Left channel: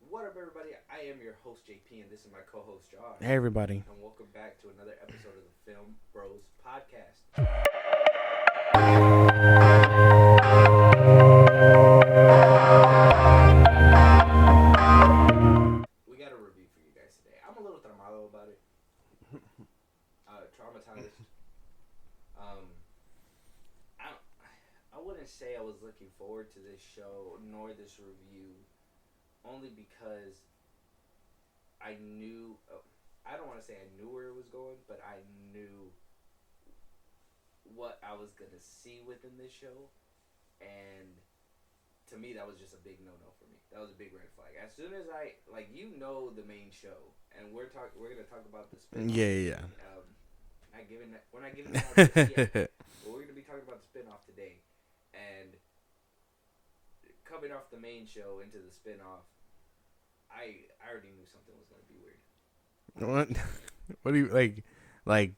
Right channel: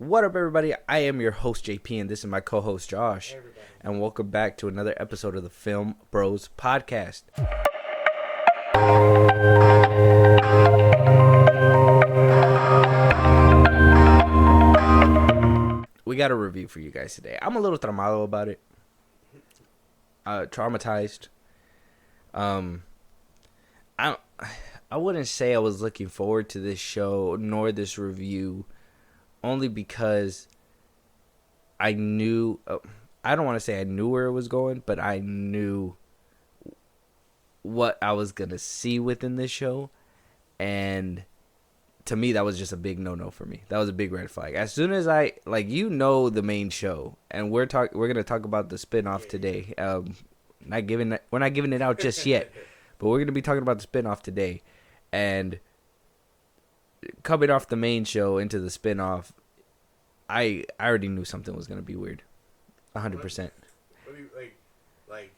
What up, everybody? I am your host, JP, and this is my co-host, Josh. Hey, everybody. And welcome back to another episode of the FilmBros podcast. We got a review for you guys today. I'm a little traumado about it. Traumatized. I wouldn't say I was looking forward to this show nor this review, only because I knew, I don't want to say I knew where it was going, but I knew what I was going to see within this show. And to me, that was just a big no-no for me. That was a big red flag. As soon as the main show, and we're going to talk about the spinoff today. Yeah. We're not giving it out just yet, but we're going to be talking about the spinoff today. And coming off the main show into the spinoff, I already knew something was going to be weird. 100%. What do you like?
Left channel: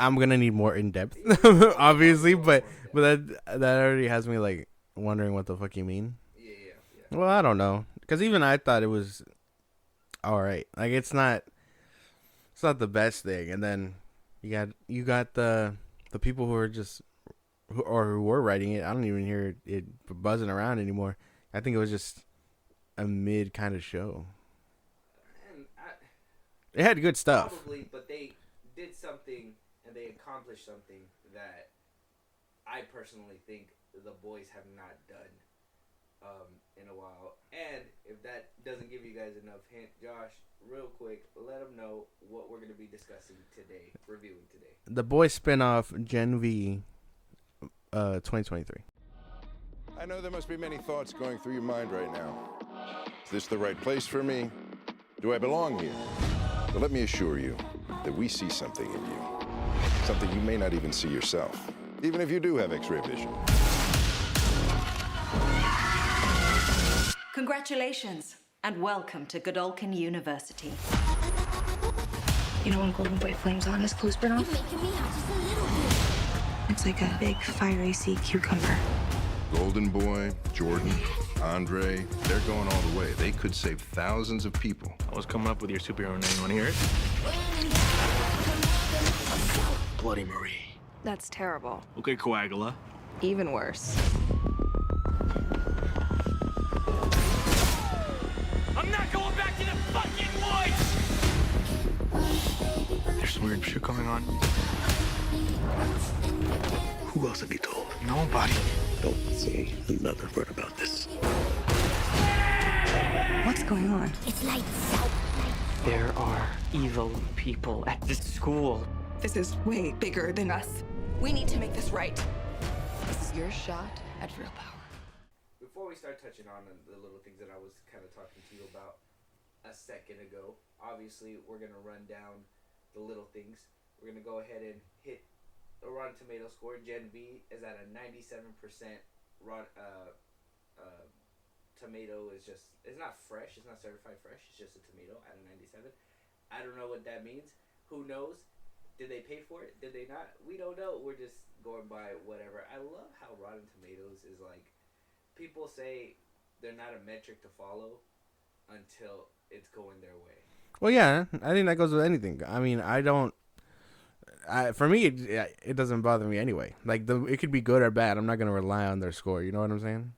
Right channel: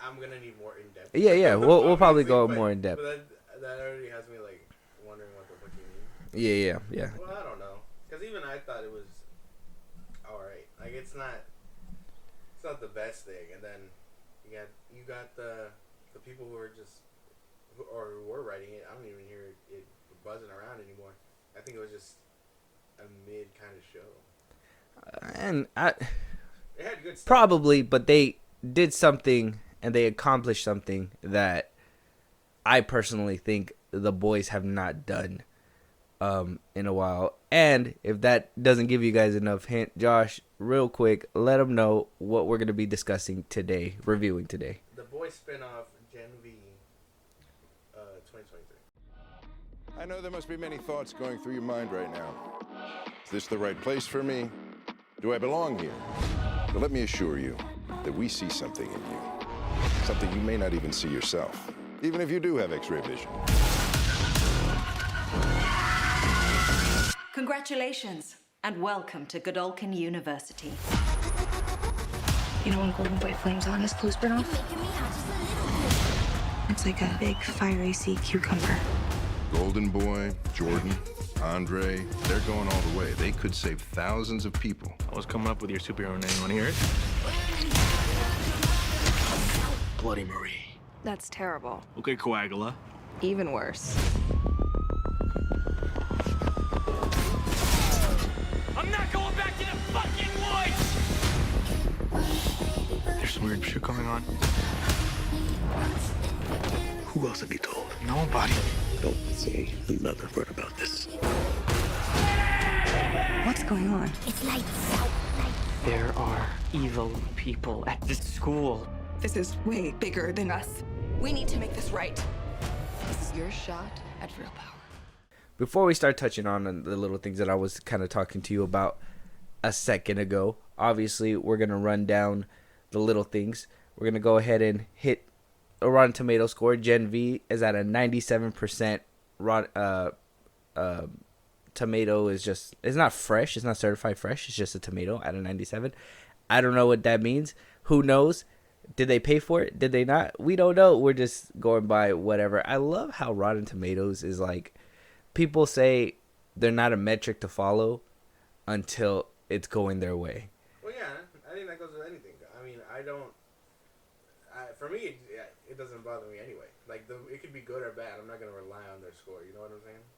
I'm going to need more in depth. Yeah. We'll probably go more in depth. But that already has me like wondering what the fuck you mean. Yeah. Well, I don't know, because even I thought it was all right. Like it's not the best thing. And then you got the people who are just who were writing it. I don't even hear it buzzing around anymore. I think it was just a mid kind of show. And it had good stuff. Probably, but they did something and they accomplished something that I personally think the boys have not done in a while. And if that doesn't give you guys enough hint, Josh, real quick, let them know what we're going to be discussing today, reviewing today. The Boys spinoff, Gen V, 2023. I know there must be many thoughts going through your mind right now. Is this the right place for me? Do I belong here? But let me assure you that we see something in you. Something you may not even see yourself, even if you do have X-ray vision. Congratulations, and welcome to Godolphin University. You know when Golden Boy flames on, his clothes burn off? You're making me hot just a little bit. It's like a big fiery sea cucumber. Golden Boy, Jordan, Andre, they're going all the way. They could save thousands of people. I was coming up with your superhero name. Want to hear it? Bloody Marie. That's terrible. Okay, Coagula. Even worse. I'm not going back to the fucking woods! There's some weird shit going on. Who else have you told? Nobody. Don't say another word about this. What's going on? It's lights out. There are evil people at this school. This is way bigger than us. We need to make this right. This is your shot at real power. Before we start touching on the little things that I was kind of talking to you about a second ago, obviously we're going to run down the little things. We're going to go ahead and hit a Rotten Tomato score. Gen V is at a 97%. Tomato is just, it's not fresh. It's not certified fresh. It's just a tomato at a 97. I don't know what that means. Who knows? Did they pay for it? Did they not? We don't know. We're just going by whatever. I love how Rotten Tomatoes is like, people say they're not a metric to follow until it's going their way. Well, yeah, I think that goes with anything. I mean, for me, it doesn't bother me anyway. Like, it could be good or bad. I'm not going to rely on their score. You know what I'm saying?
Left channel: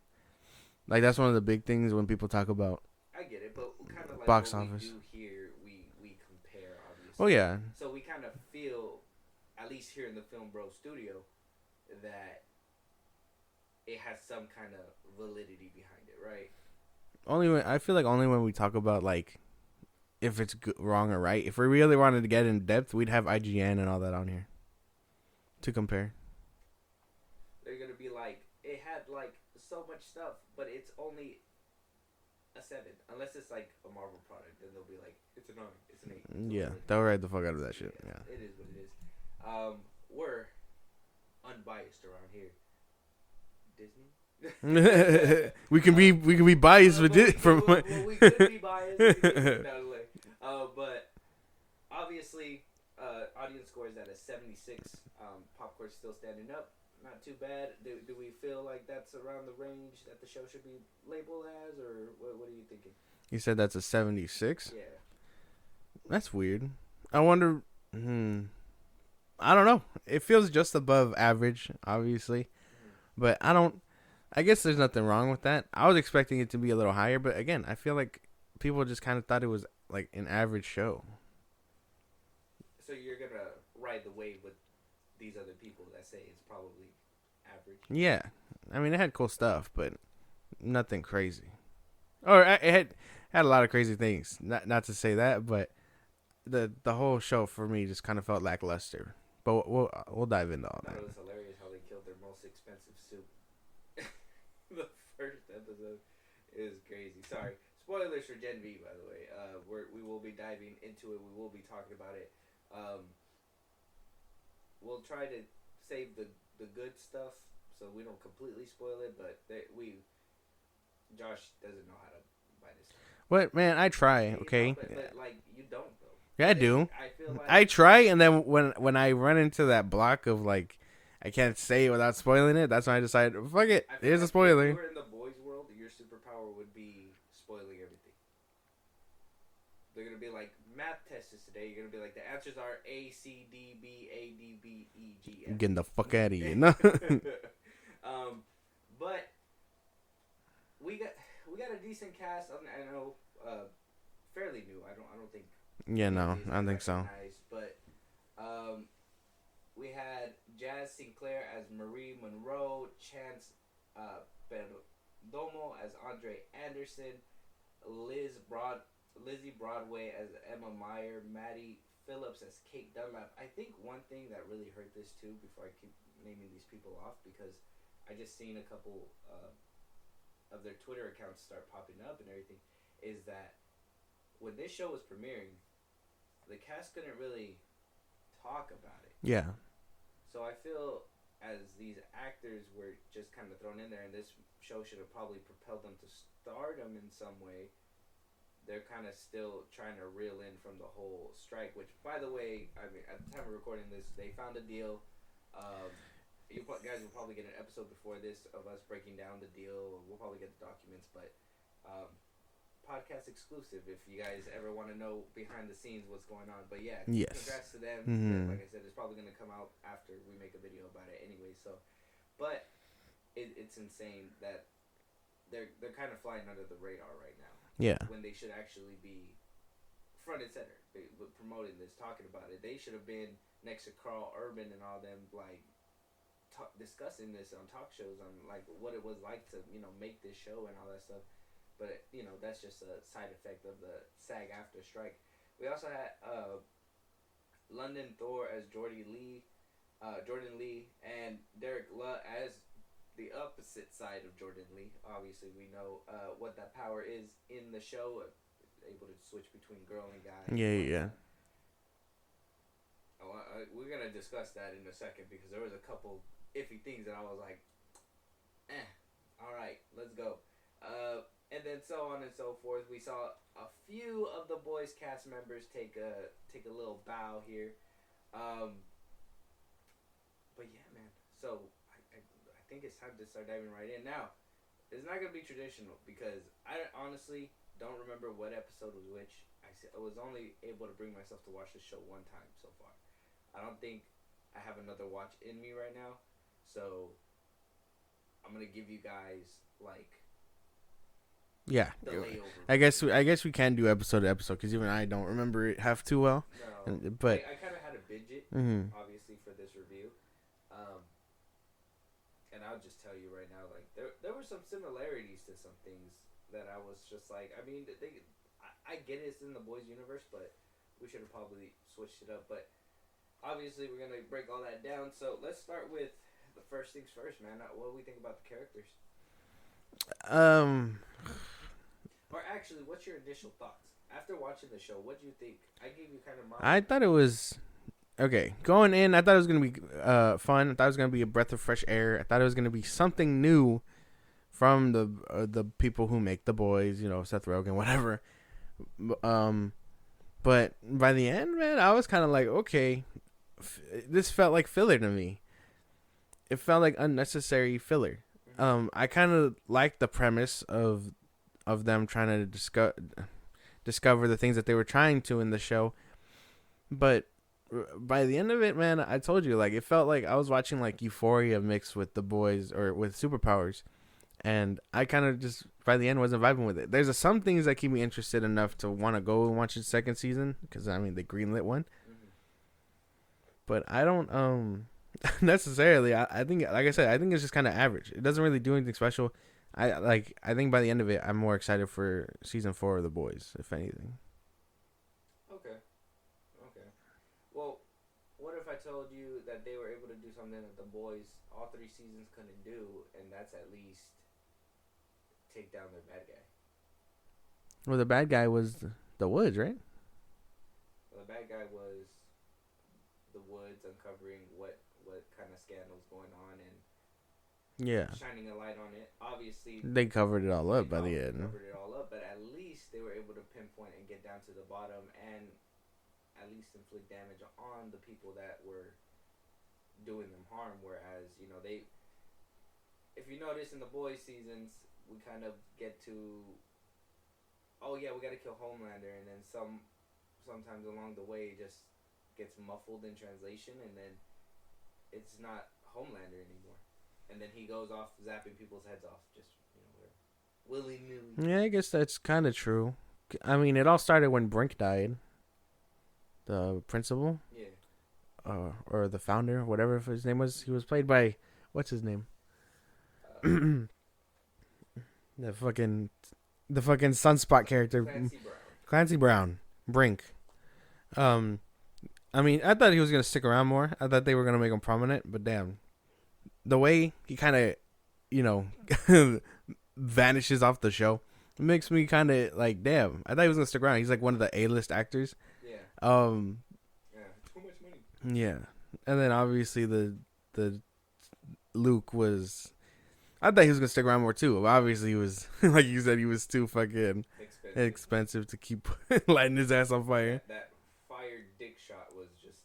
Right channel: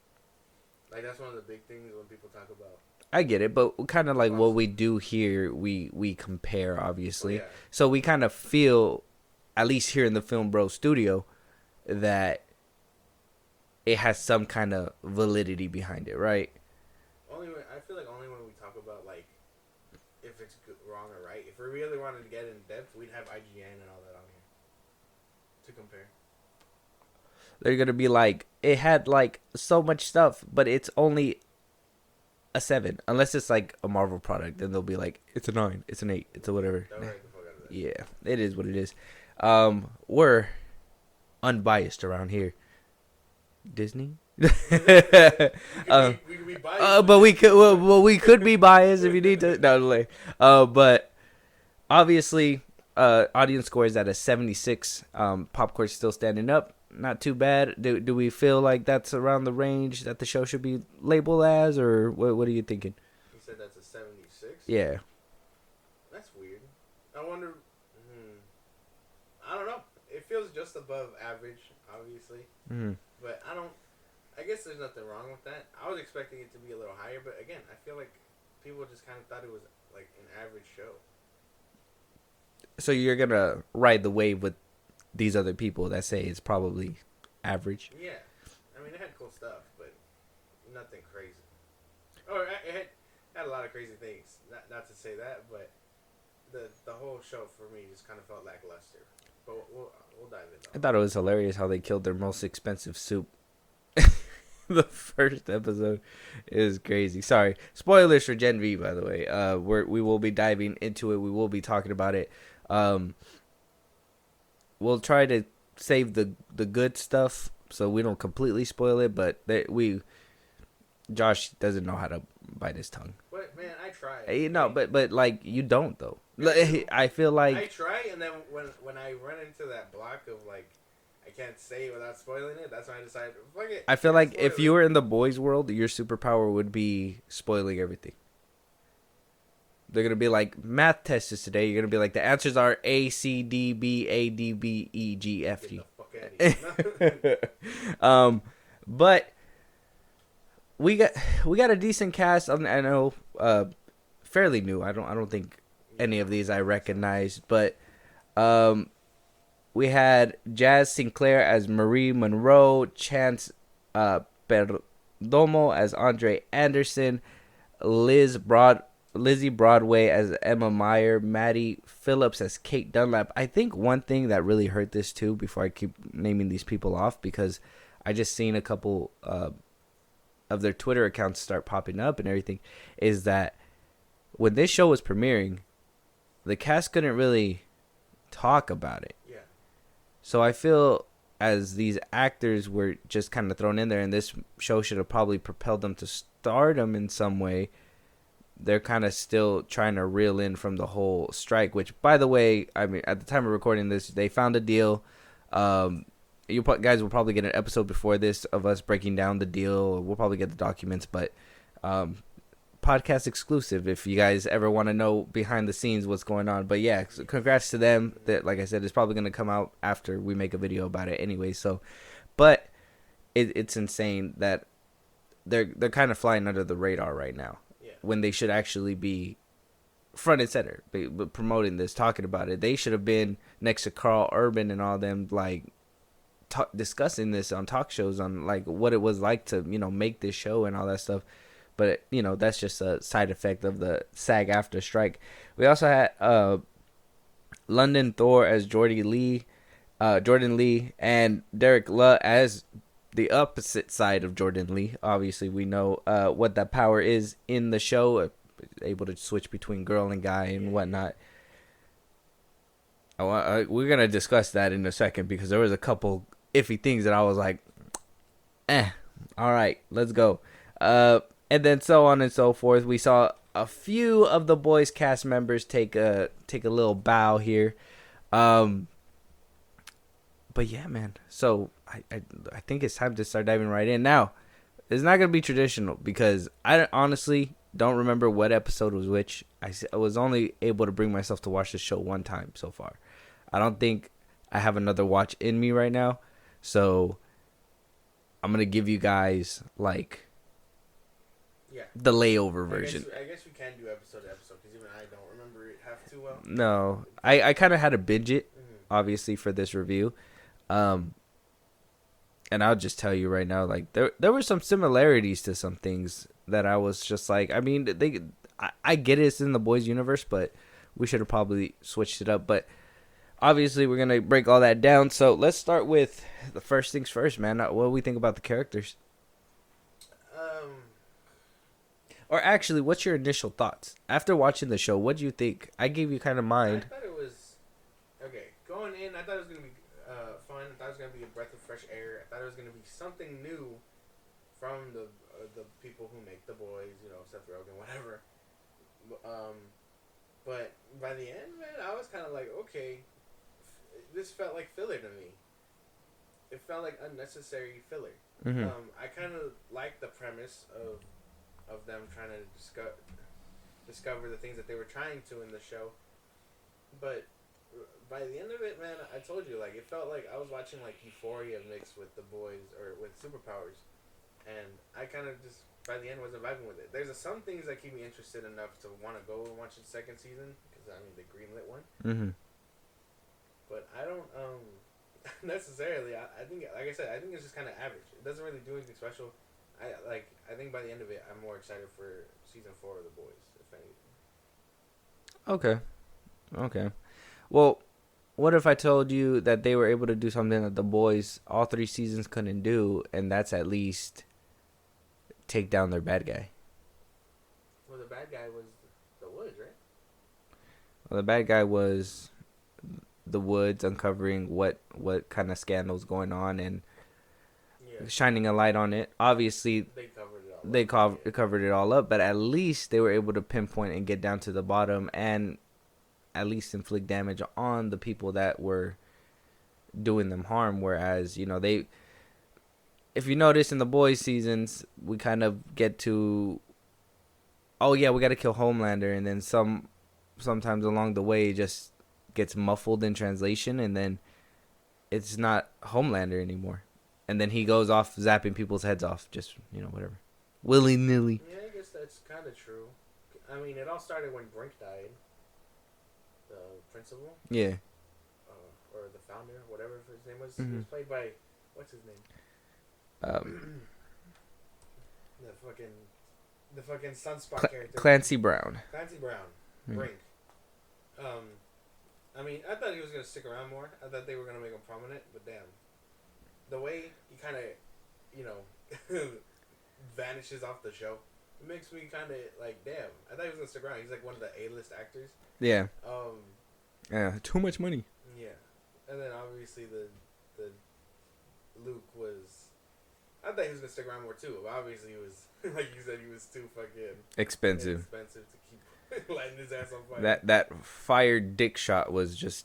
Like, that's one of the big things when people talk about. I get it, but kind of like what office. we do here, we compare, obviously. Oh, yeah. So we kind of feel, at least here in the FilmBros studio, that it has some kind of validity behind it, right? I feel like only when we talk about, like, if it's wrong or right. If we really wanted to get in depth, we'd have IGN and all that on here to compare. They're going to be like, it had, like, so much stuff, but it's only a 7. Unless it's, like, a Marvel product, then they'll be like, it's a 9, it's an 8, it's a whatever. They'll write the fuck out of that shit. Yeah, it is what it is. We're unbiased around here. Disney? we could be biased, but we could be biased if we need to. No, but obviously, audience score is at a 76. Popcorn's still standing up. not too bad. Do we feel like that's around the range that the show should be labeled as, or what are you thinking? You said that's a 76? Yeah. That's weird. I wonder. I don't know. It feels just above average, obviously. But I don't. I guess there's nothing wrong with that. I was expecting it to be a little higher, but again, I feel like people just kind of thought it was like an average show. So you're gonna ride the wave with these other people that say it's probably average. Yeah, I mean, it had cool stuff, but nothing crazy. Or it had a lot of crazy things. Not to say that, but the whole show for me just kind of felt lackluster. But we'll dive into all. I thought it was hilarious how they killed their most expensive soup. The first episode is crazy. Sorry, spoilers for Gen V, by the way. We will be diving into it. We will be talking about it. We'll try to save the good stuff so we don't completely spoil it. But Josh doesn't know how to bite his tongue. What, man? I try. Okay? You know, but like you don't though. Yeah, I do. I feel like I try, and then when I run into that block of like, I can't say it without spoiling it. That's when I decide, fuck it. I feel like if you were in the boys' world, your superpower would be spoiling everything. They're gonna be like, math test is today. You're gonna be like, the answers are A, C, D, B, A, D, B, E, G, F. Getting the fuck out of here. But we got a decent cast. I know, fairly new. I don't think any of these I recognized, but we had Jazz Sinclair as Marie Monroe, Chance Perdomo as Andre Anderson, Lizzie Broadway as Emma Meyer, Maddie Phillips as Kate Dunlap. I think one thing that really hurt this too, before I keep naming these people off, because I just seen a couple of their Twitter accounts start popping up and everything, is that when this show was premiering, the cast couldn't really talk about it. Yeah. So I feel as these actors were just kind of thrown in there, and this show should have probably propelled them to stardom in some way, they're kind of still trying to reel in from the whole strike, which, by the way, I mean, at the time of recording this, they found a deal. You guys will probably get an episode before this of us breaking down the deal. We'll probably get the documents, but podcast exclusive if you guys ever want to know behind the scenes what's going on. But yeah, so congrats to them. That, like I said, it's probably going to come out after we make a video about it anyway. So, but it's insane that they're kind of flying under the radar right now. Yeah, when they should actually be front and center, promoting this, talking about it. They should have been next to Carl Urban and all them, like discussing this on talk shows on like what it was like to make this show and all that stuff. But that's just a side effect of the SAG after strike. We also had London Thor as Jordan Lee, and Derek Luh as the opposite side of Jordan Lee. Obviously, we know what that power is in the show, able to switch between girl and guy and whatnot. Yeah. We're gonna discuss that in a second because there was a couple iffy things that I was like, all right, let's go. And then so on and so forth. We saw a few of the boys' cast members take a little bow here. But yeah, man. So I think it's time to start diving right in. Now, it's not going to be traditional because I honestly don't remember what episode was which. I was only able to bring myself to watch the show one time so far. I don't think I have another watch in me right now. So I'm going to give you guys like... Yeah, the layover version. I guess we can do episode to episode because even I don't remember it half too well. No, I kind of had to binge it, obviously, for this review. And I'll just tell you right now, like there were some similarities to some things that I was just like, I mean, I get it, it's in the boys universe, but we should have probably switched it up. But obviously, we're gonna break all that down. So let's start with the first things first, man. What do we think about the characters? Or actually, what's your initial thoughts? After watching the show, what do you think? I gave you kind of mine. I thought it was... Okay, going in, I thought it was going to be fun. I thought it was going to be a breath of fresh air. I thought it was going to be something new from the people who make The Boys, Seth Rogen, whatever. But by the end, man, I was kind of like, okay, this felt like filler to me. it felt like unnecessary filler. I kind of liked the premise of them trying to discover the things that they were trying to in the show, but by the end of it, man, I told you, like, it felt like I was watching like Euphoria mixed with The Boys or with superpowers, and I kind of just by the end wasn't vibing with it. There's some things that keep me interested enough to want to go and watch the second season because I mean they greenlit one, but I don't necessarily. I think, like I said, I think it's just kind of average. It doesn't really do anything special. I think by the end of it, I'm more excited for season 4 of The Boys, if anything. Okay. Well, what if I told you that they were able to do something that The Boys all 3 seasons couldn't do, and that's at least take down their bad guy? Well, the bad guy was the Woods, right? Well, the bad guy was the Woods uncovering what kind of scandals going on and shining a light on it. Obviously, they covered it all up. They covered it all up, but at least they were able to pinpoint and get down to the bottom and at least inflict damage on the people that were doing them harm. Whereas, you know, if you notice in the Boys seasons, we kind of get to, oh yeah, we got to kill Homelander, and then sometimes along the way it just gets muffled in translation, and then it's not Homelander anymore, and then he goes off zapping people's heads off, just, you know, whatever, willy nilly. Yeah, I guess that's kind of true. I mean, it all started when Brink died. The principal, yeah, or the founder, whatever his name was. He was played by, what's his name? The fucking Sunspot character, Clancy Brown. Brink. I mean, I thought he was gonna stick around more. I thought they were gonna make him prominent, but damn, the way he kind of, you know, vanishes off the show, it makes me kind of like, damn. I thought he was gonna stick around. He's like one of the A-list actors. Yeah. Yeah. Too much money. Yeah. And then obviously the Luke was. I thought he was gonna stick around more too. But obviously he was, like you said, he was too fucking expensive to keep lighting his ass on fire. That fire dick shot was just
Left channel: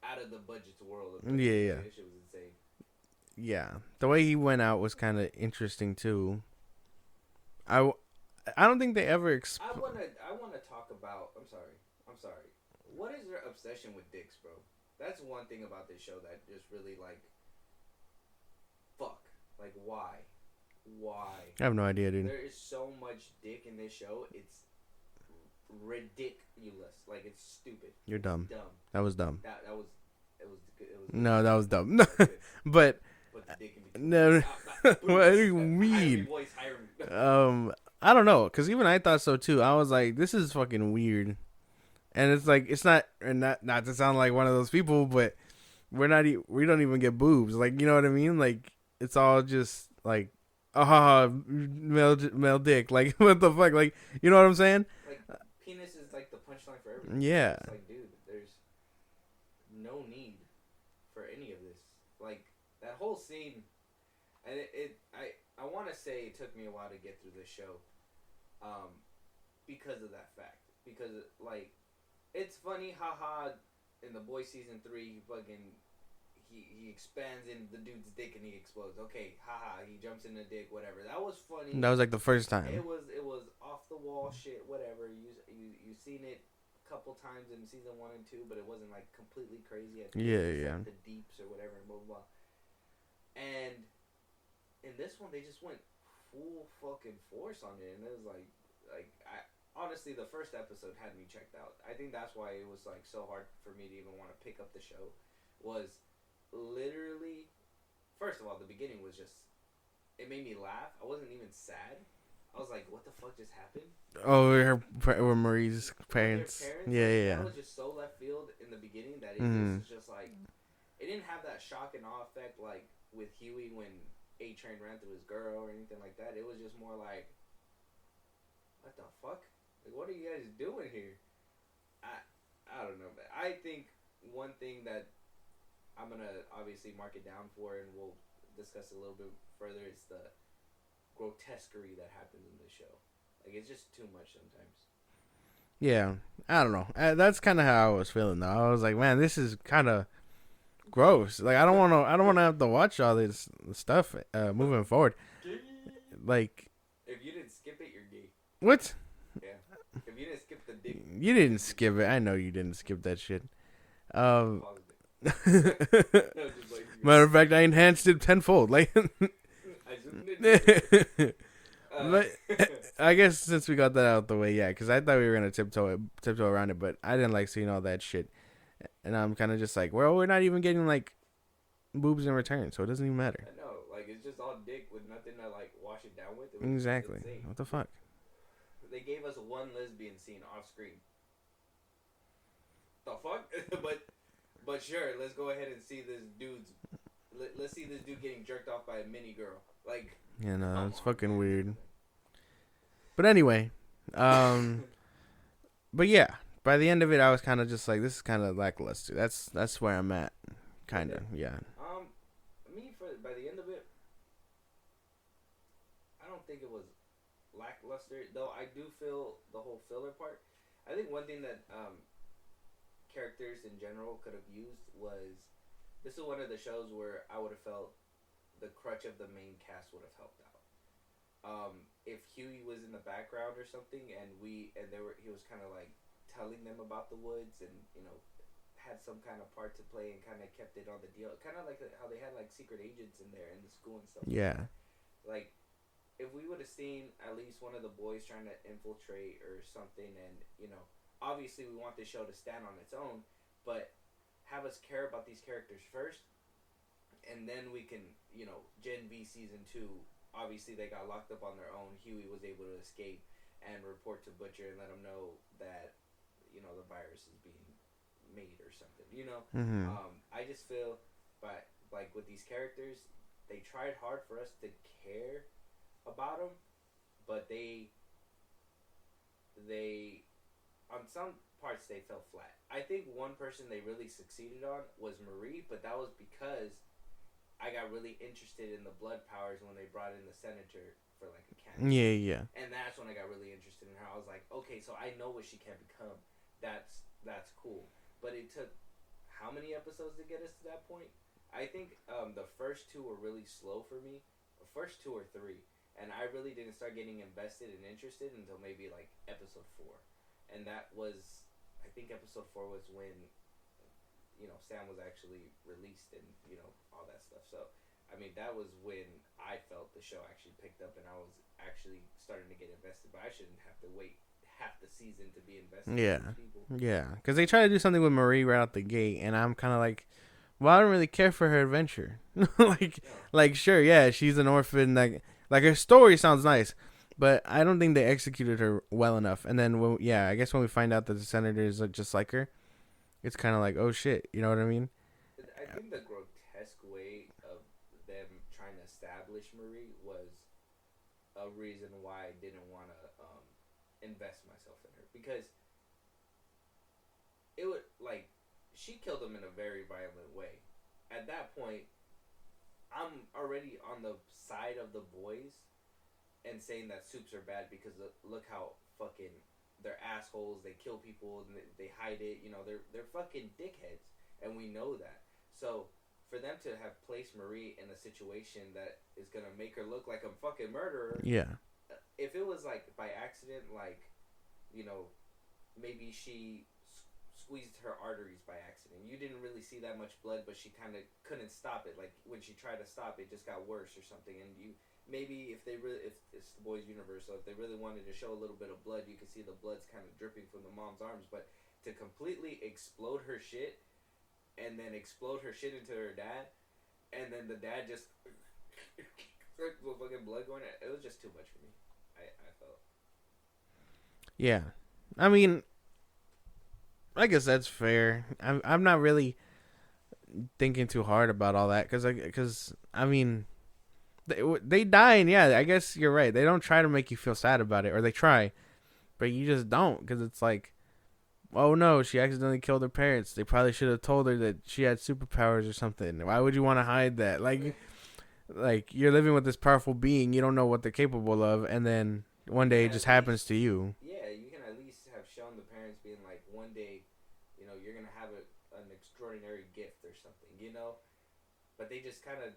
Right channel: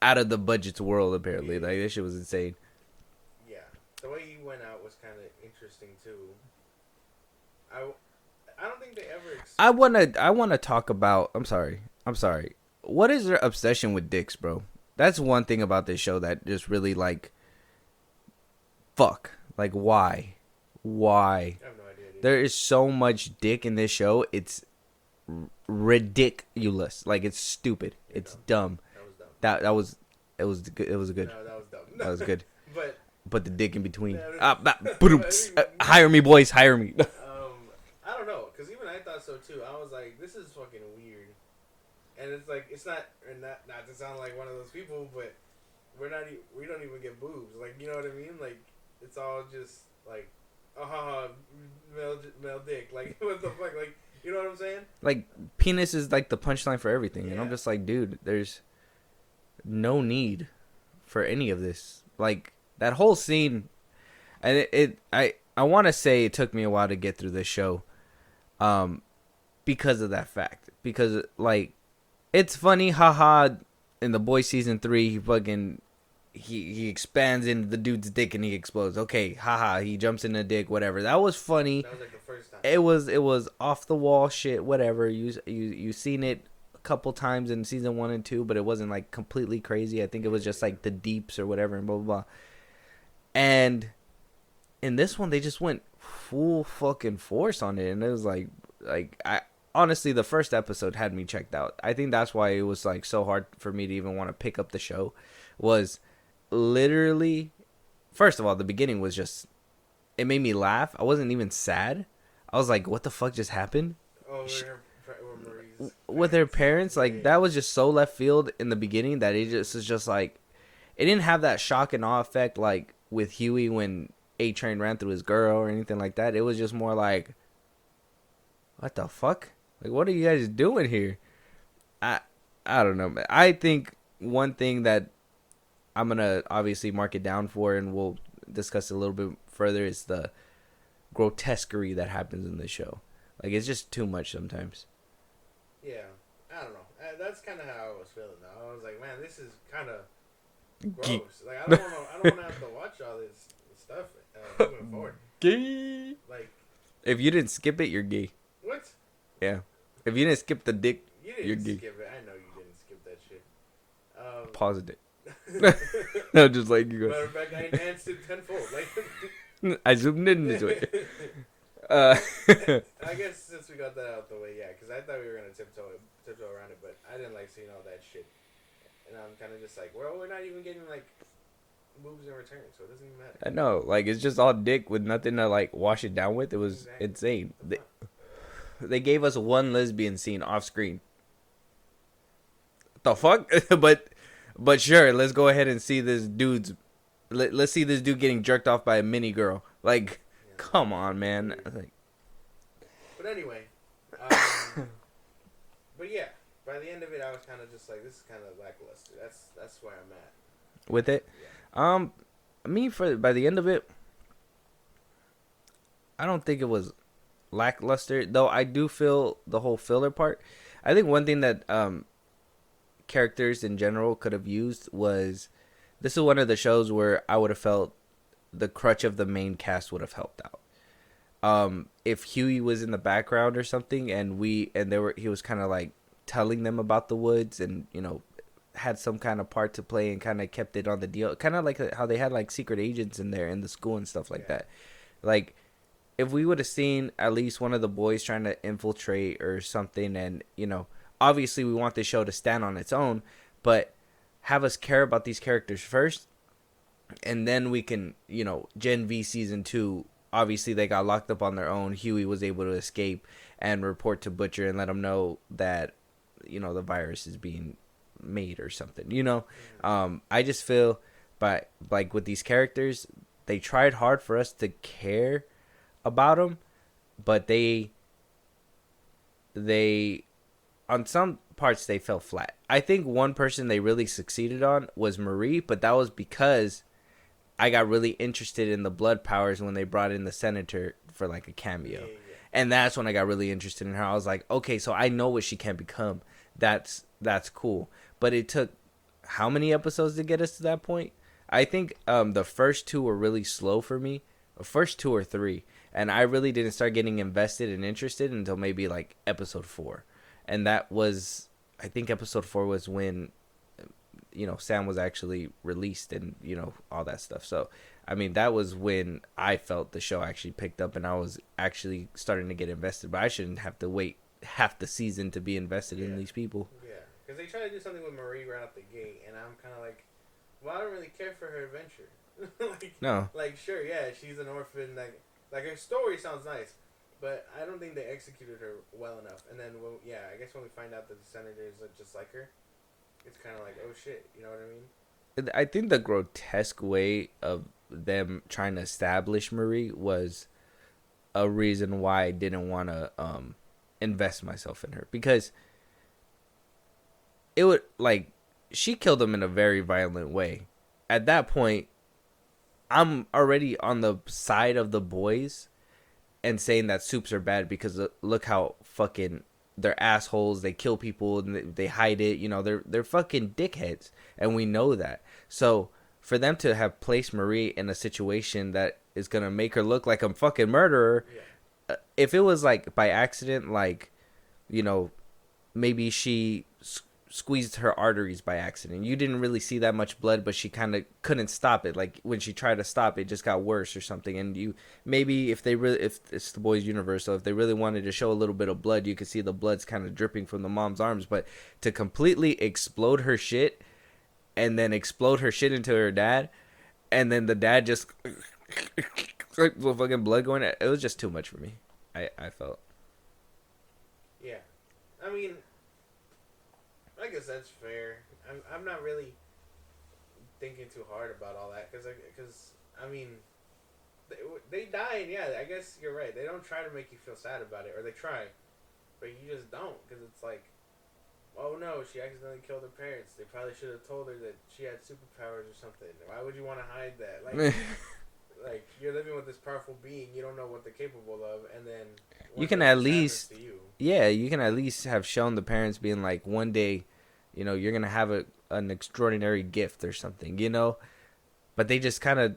out of the budget's world. Apparently, like this shit was insane. Yeah, the way he went out was kind of interesting too. I don't think they ever. I wanna talk about. I'm sorry. What is their obsession with dicks, bro? That's one thing about this show that just really like. Fuck. Like, why? I have no idea, dude. There is so much dick in this show. It's ridiculous. Like, it's stupid. You're it's dumb. That was dumb. It was good. It was good. No, that was dumb. That was good. But the dick in between. No. Hire me, boys. Hire me. I don't know, because even I thought so too. I was like, this is fucking weird. And it's like, it's not to sound like one of those people, but we don't even get boobs. Like, you know what I mean? Like, it's all just like, male dick. Like, what the fuck? Like, you know what I'm saying? Like, penis is like the punchline for everything. Yeah. I'm just like, dude, there's no need for any of this. Like, that whole scene, and I want to say it took me a while to get through this show, because of that fact. Because, like, it's funny, haha, in The Boys season 3, he fucking, he expands into the dude's dick and he explodes. Okay, haha, he jumps in the dick, whatever. That was funny. That was like the first time. It was off the wall shit, whatever. You seen it a couple times in season 1 and 2, but it wasn't like completely crazy. I think it was just like the deeps or whatever and blah blah blah. And in this one, they just went full fucking force on it, and it was like I honestly, the first episode had me checked out. I think that's why it was like so hard for me to even want to pick up the show. Was literally, first of all, the beginning was just, it made me laugh. I wasn't even sad. I was like, what the fuck just happened? Oh, with Marie's parents. With her parents, that was just so left field in the beginning that it just is just like, it didn't have that shock and awe effect like with Huey when A-Train ran through his girl or anything like that. It was just more like, what the fuck? Like, what are you guys doing here? I don't know. I think one thing that I'm going to obviously mark it down for, and we'll discuss it a little bit further, is the grotesquerie that happens in this show. Like, it's just too much sometimes. Yeah. I don't know. That's kind of how I was feeling, though. I was like, man, this is kind of gross. Like I don't want to have to watch all this stuff moving forward. Like if you didn't skip it, you're gay. what? Yeah. If you didn't skip the dick, You didn't skip it. I know you didn't skip that shit. pause it. No, just like you go. Matter of fact, I enhanced it tenfold. Like I zoomed into it. I guess since we got that out the way, yeah, because I thought we were gonna tiptoe around it, but I didn't like seeing all that shit, and I'm kind of just like, well, we're not even getting like boobs in return, so it doesn't even matter. I know, like it's just all dick with nothing to like wash it down with. It was insane. What the fuck? They gave us one lesbian scene off screen. The fuck? but sure, let's go ahead and see this dude's. Let's see this dude getting jerked off by a mini girl. Like, Yeah, no, come it's on, fucking man. weird. Like, But anyway, but yeah, by the end of it, I was kind of just like, this is kind of lackluster. That's where I'm at with it. Yeah. By the end of it, I don't think it was lackluster, though. I do feel the whole filler part. I think one thing that characters in general could have used was, this is one of the shows where I would have felt the crutch of the main cast would have helped out. If Huey was in the background or something, and he was kind of like telling them about the woods, and had some kind of part to play, and kind of kept it on the deal, kind of like how they had like secret agents in there in the school and stuff like that. Like, if we would have seen at least one of the boys trying to infiltrate or something, and obviously we want this show to stand on its own, but have us care about these characters first, and then we can, Gen V season 2, obviously they got locked up on their own. Huey was able to escape and report to Butcher and let him know that, the virus is being made or something, Mm-hmm. I just feel, like with these characters, they tried hard for us to care about them, but they on some parts they fell flat. I think one person they really succeeded on was Marie, but that was because I got really interested in the blood powers when they brought in the senator for like a cameo. Yeah. And that's when I got really interested in her. I was like, okay, so I know what she can become. That's cool. But it took how many episodes to get us to that point? I think the first 2 were really slow for me. The first 2 or 3. And I really didn't start getting invested and interested until maybe like episode 4. And that was, I think episode 4 was when, Sam was actually released and, all that stuff. So, I mean, that was when I felt the show actually picked up and I was actually starting to get invested. But I shouldn't have to wait half the season to be invested in these people. Yeah, because they try to do something with Marie right out the gate, and I'm kind of like, well, I don't really care for her adventure. No. Like, sure, yeah, she's an orphan. Like her story sounds nice, but I don't think they executed her well enough. And then, I guess when we find out that the senator is just like her, it's kind of like, oh shit, you know what I mean? I think the grotesque way of them trying to establish Marie was a reason why I didn't want to invest myself in her, because it would, like, she killed him in a very violent way. At that point, I'm already on the side of the boys and saying that soups are bad because look how fucking they're assholes. They kill people and they hide it. They're fucking dickheads, and we know that. So for them to have placed Marie in a situation that is gonna make her look like a fucking murderer, if it was like by accident, like, maybe she squeezed her arteries by accident, you didn't really see that much blood, but she kind of couldn't stop it. Like when she tried to stop it, just got worse or something. And maybe if it's the boys' universe, so if they really wanted to show a little bit of blood, you could see the blood's kind of dripping from the mom's arms. But to completely explode her shit and then explode her shit into her dad, and then the dad just with fucking blood going, it was just too much for me. I felt. Yeah, I mean, I guess that's fair. I'm not really thinking too hard about all that because I mean, they die, and I guess you're right. They don't try to make you feel sad about it, or they try, but you just don't, because it's like, oh no, she accidentally killed her parents. They probably should have told her that she had superpowers or something. Why would you want to hide that? Like, like you're living with this powerful being, you don't know what they're capable of, and then one day it just happens to you. Yeah, you can at least have shown the parents being like, one day, you're gonna have an extraordinary gift or something, you know. But they just kind of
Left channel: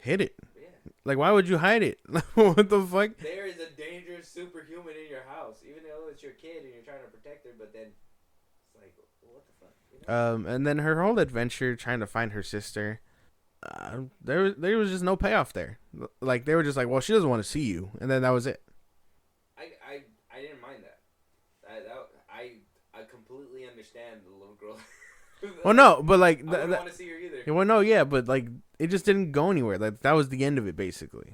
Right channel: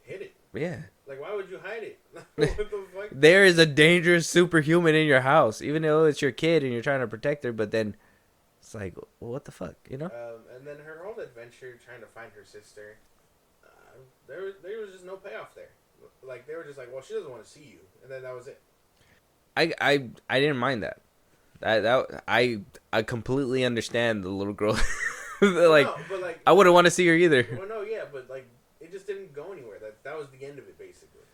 hid it. Yeah. Like, why would you hide it? What the fuck? There is a dangerous superhuman in your house, even though it's your kid and you're trying to protect her. But then it's like, what the fuck, you know? And then her whole adventure trying to find her sister. There was just no payoff there. Like, they were just like, well, she doesn't want to see you, and then that was it. I didn't mind that. I completely understand the little girl. Well, no, but like I wouldn't want to see her either. Well, no, yeah, but like it just didn't go anywhere. Like that was the end of it, basically.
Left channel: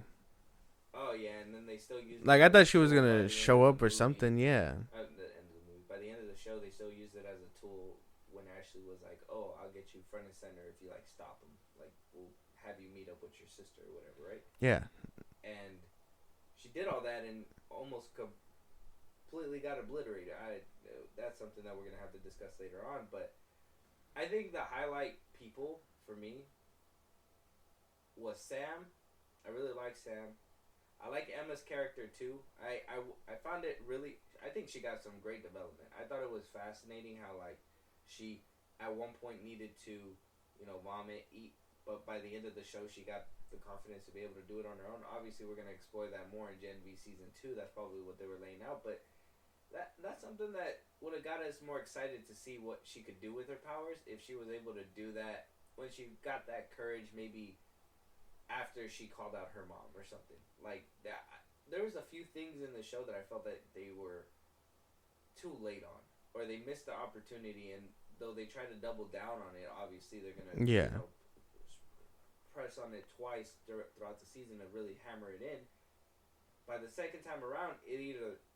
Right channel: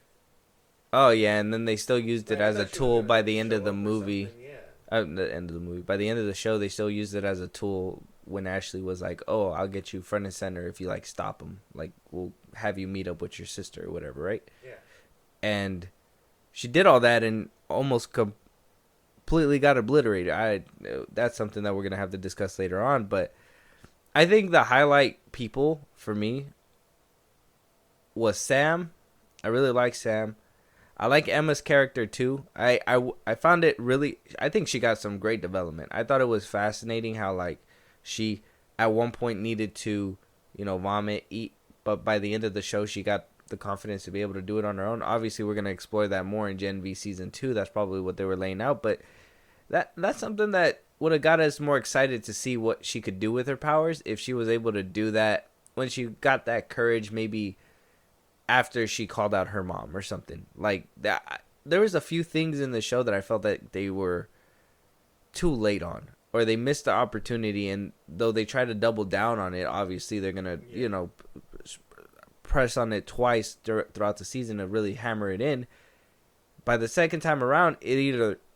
Oh yeah, and then they still used it like as I thought a she was tool gonna by the end show of the up movie. or something. Yeah, the end of the movie. By the end of the show, they still used it as a tool when Ashley was like, "Oh, I'll get you front and center if you like stop him. Like we'll have you meet up with your sister or whatever, right?" Yeah, and she did all that and almost completely got obliterated. That's something that we're gonna have to discuss later on, but I think the highlight people for me was Sam. I really like Sam. I like Emma's character too. I found it really. I think she got some great development. I thought it was fascinating how like she at one point needed to, vomit, eat, but by the end of the show she got the confidence to be able to do it on her own. Obviously, we're gonna explore that more in Gen V season 2. That's probably what they were laying out, but that's something that would have got us more excited to see what she could do with her powers if she was able to do that when she got that courage, maybe after she called out her mom or something like that. There was a few things in the show that I felt that they were too late on, or they missed the opportunity, and though they try to double down on it, obviously they're gonna press on it twice throughout the season to really hammer it in. By the second time around, it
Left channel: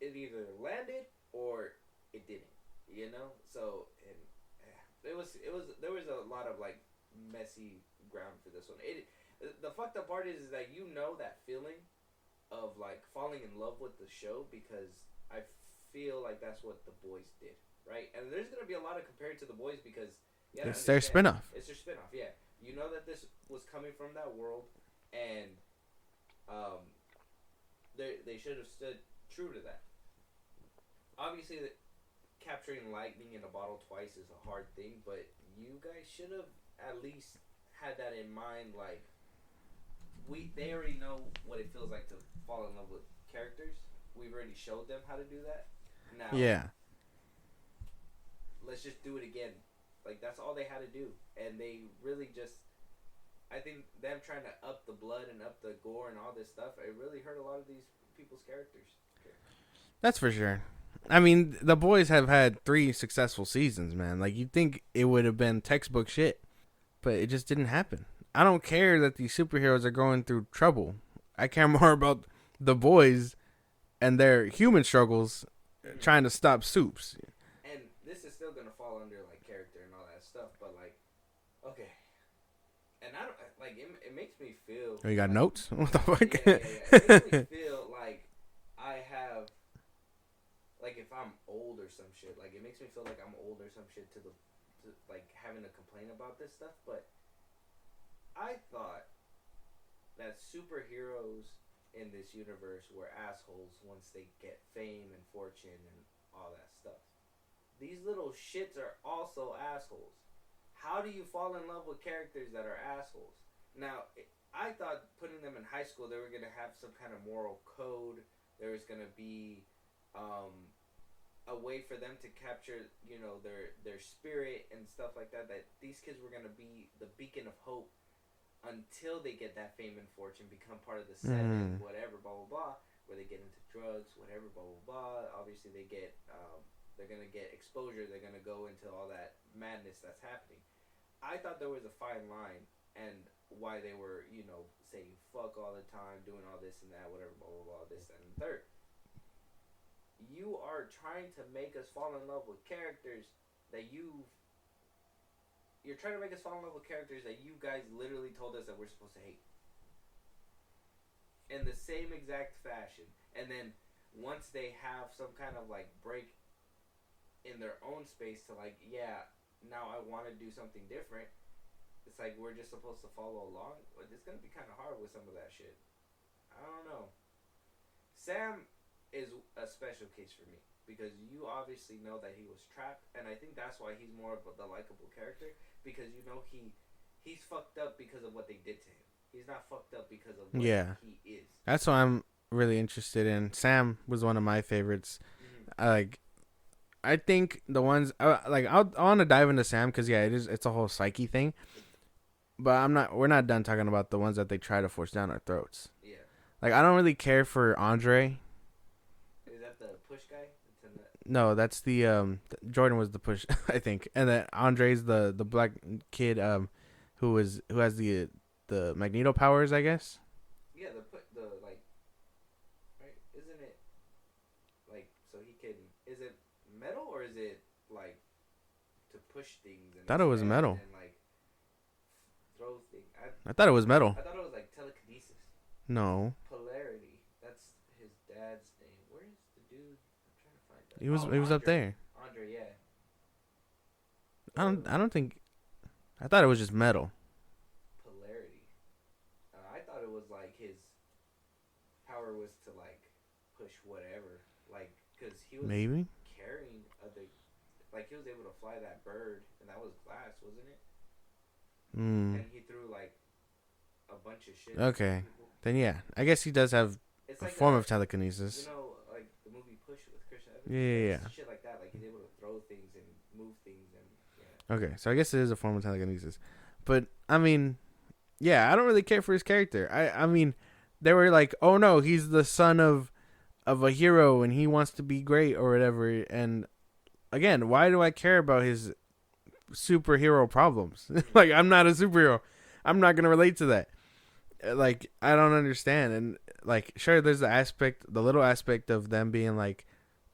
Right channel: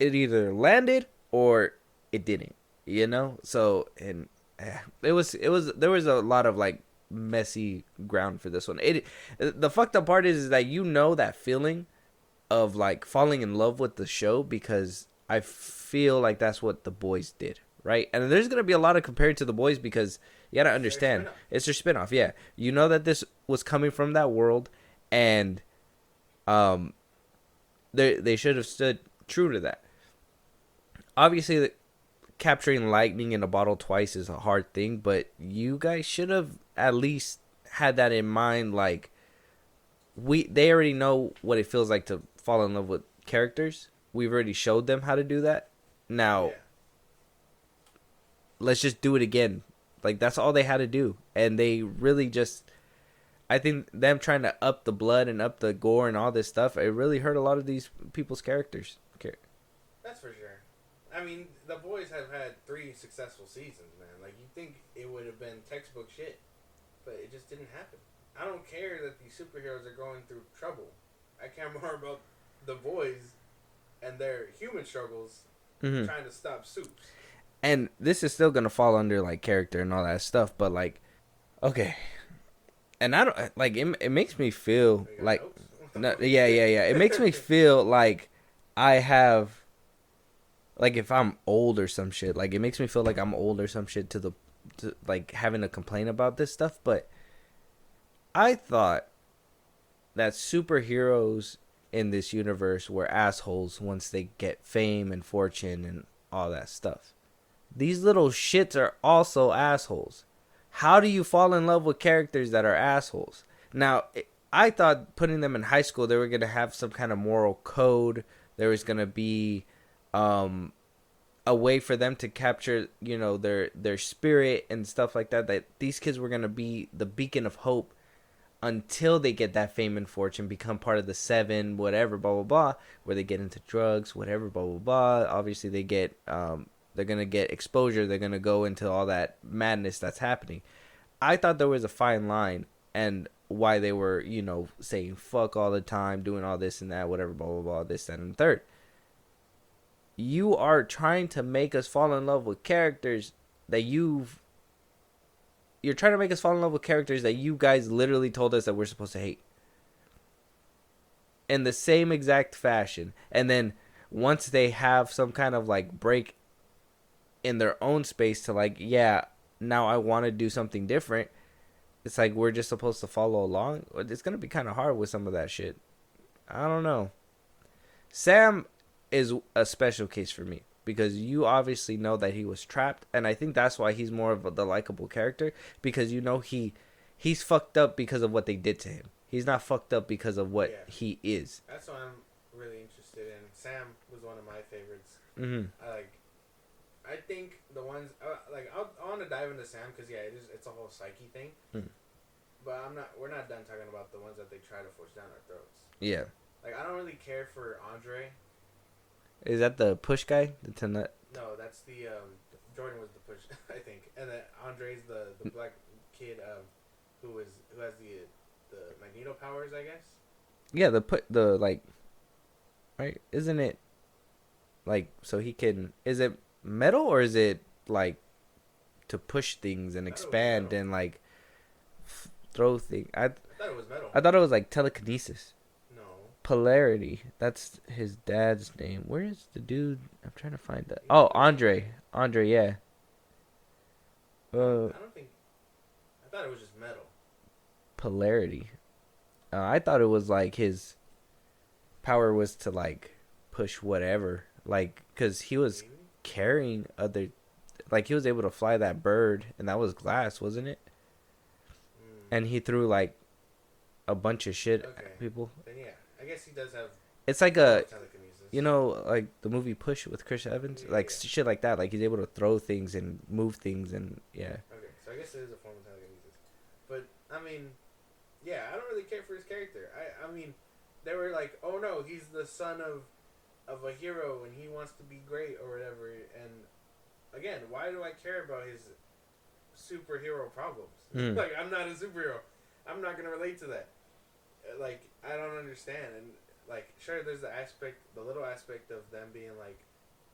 either landed or it didn't, so and there was a lot of like messy ground for this one. The fucked up part is that that feeling of like falling in love with the show, because I feel like that's what The Boys did, right? And there's gonna be a lot of compared to The Boys because you gotta understand it's their spinoff. Yeah, that this was coming from that world, and they should have stood true to that. Obviously, capturing lightning in a bottle twice is a hard thing, but you guys should have at least had that in mind. Like, they already know what it feels like to fall in love with characters. We've already showed them how to do that. Now, let's just do it again. Like, that's all they had to do. And they really just, I think them trying to up the blood and up the gore and all this stuff, it really hurt a lot of these people's characters. Okay. That's for sure. I mean, The Boys have had 3 successful seasons, man. Like, you'd think it would have been textbook shit, but it just didn't happen. I don't care that these superheroes are going through trouble. I care more about The Boys and their human struggles trying to stop Soups. And this is still going to fall under, like, character and all that stuff, but, like, okay. And I don't, like, it makes me feel you got like, notes? Yeah. It makes me feel like I have, like, if I'm old or some shit, like, it makes me feel like I'm old or some shit to like, having to complain about this stuff. But I thought that superheroes in this universe were assholes once they get fame and fortune and all that stuff. These little shits are also assholes. How do you fall in love with characters that are assholes? Now, I thought putting them in high school, they were going to have some kind of moral code. There was going to be a way for them to capture, their spirit and stuff like that. That these kids were going to be the beacon of hope until they get that fame and fortune, become part of the 7, whatever, blah, blah, blah, where they get into drugs, whatever, blah, blah, blah. Obviously, they get... they're going to get exposure. They're going to go into all that madness that's happening. I thought there was a fine line, and why they were, saying fuck all the time, doing all this and that, whatever, blah, blah, blah, this, that, and the third. You are trying to make us fall in love with characters that you're trying to make us fall in love with characters that you guys literally told us that we're supposed to hate. In the same exact fashion. And then once they have some kind of like break in their own space to like, yeah, now I want to do something different, it's like we're just supposed to follow along. It's going to be kind of hard with some of that shit. I don't know. Sam is a special case for me. because you obviously know that he was trapped, and I think that's why he's more of the likable character, because you know he's fucked up because of what they did to him. He's not fucked up because of what he is. That's what I'm really interested in. Sam was one of my favorites. I think the ones I want to dive into Sam because it's a whole psyche thing. But we're not done talking about the ones that they try to force down our throats. Yeah. Like, I don't really care for Andre. Is that the push guy? No, that's the Jordan was the push, I think. And then Andre's the black kid who has the Magneto powers, I guess. Yeah, right? Isn't it like so he can, is it metal or is it like to push things and expand and like throw things? I thought it was metal. I thought it was like telekinesis. No. Polarity. That's his dad's name. Where is the dude? I'm trying to find that. He was Andre. Andre, yeah. I don't think. I thought it was just metal. Polarity. I thought it was like his power was to like push whatever, like because he was carrying other, like he was able to fly that bird, and that was glass, wasn't it? And he threw like a bunch of shit. Okay. People. Then yeah, I guess he does have. It's like a telekinesis. You know, like the movie Push with Chris Evans, shit like that. Like he's able to throw things and move things, and yeah. Okay, so I guess it is a form of telekinesis, but I mean, yeah, I don't really care for his character. I mean, they were like, oh no, he's the son of a hero and he wants to be great or whatever. And again, why do I care about his superhero problems? Like, I'm not a superhero. I'm not gonna relate to that. Like, I don't understand. And like, sure, there's the little aspect of them being like,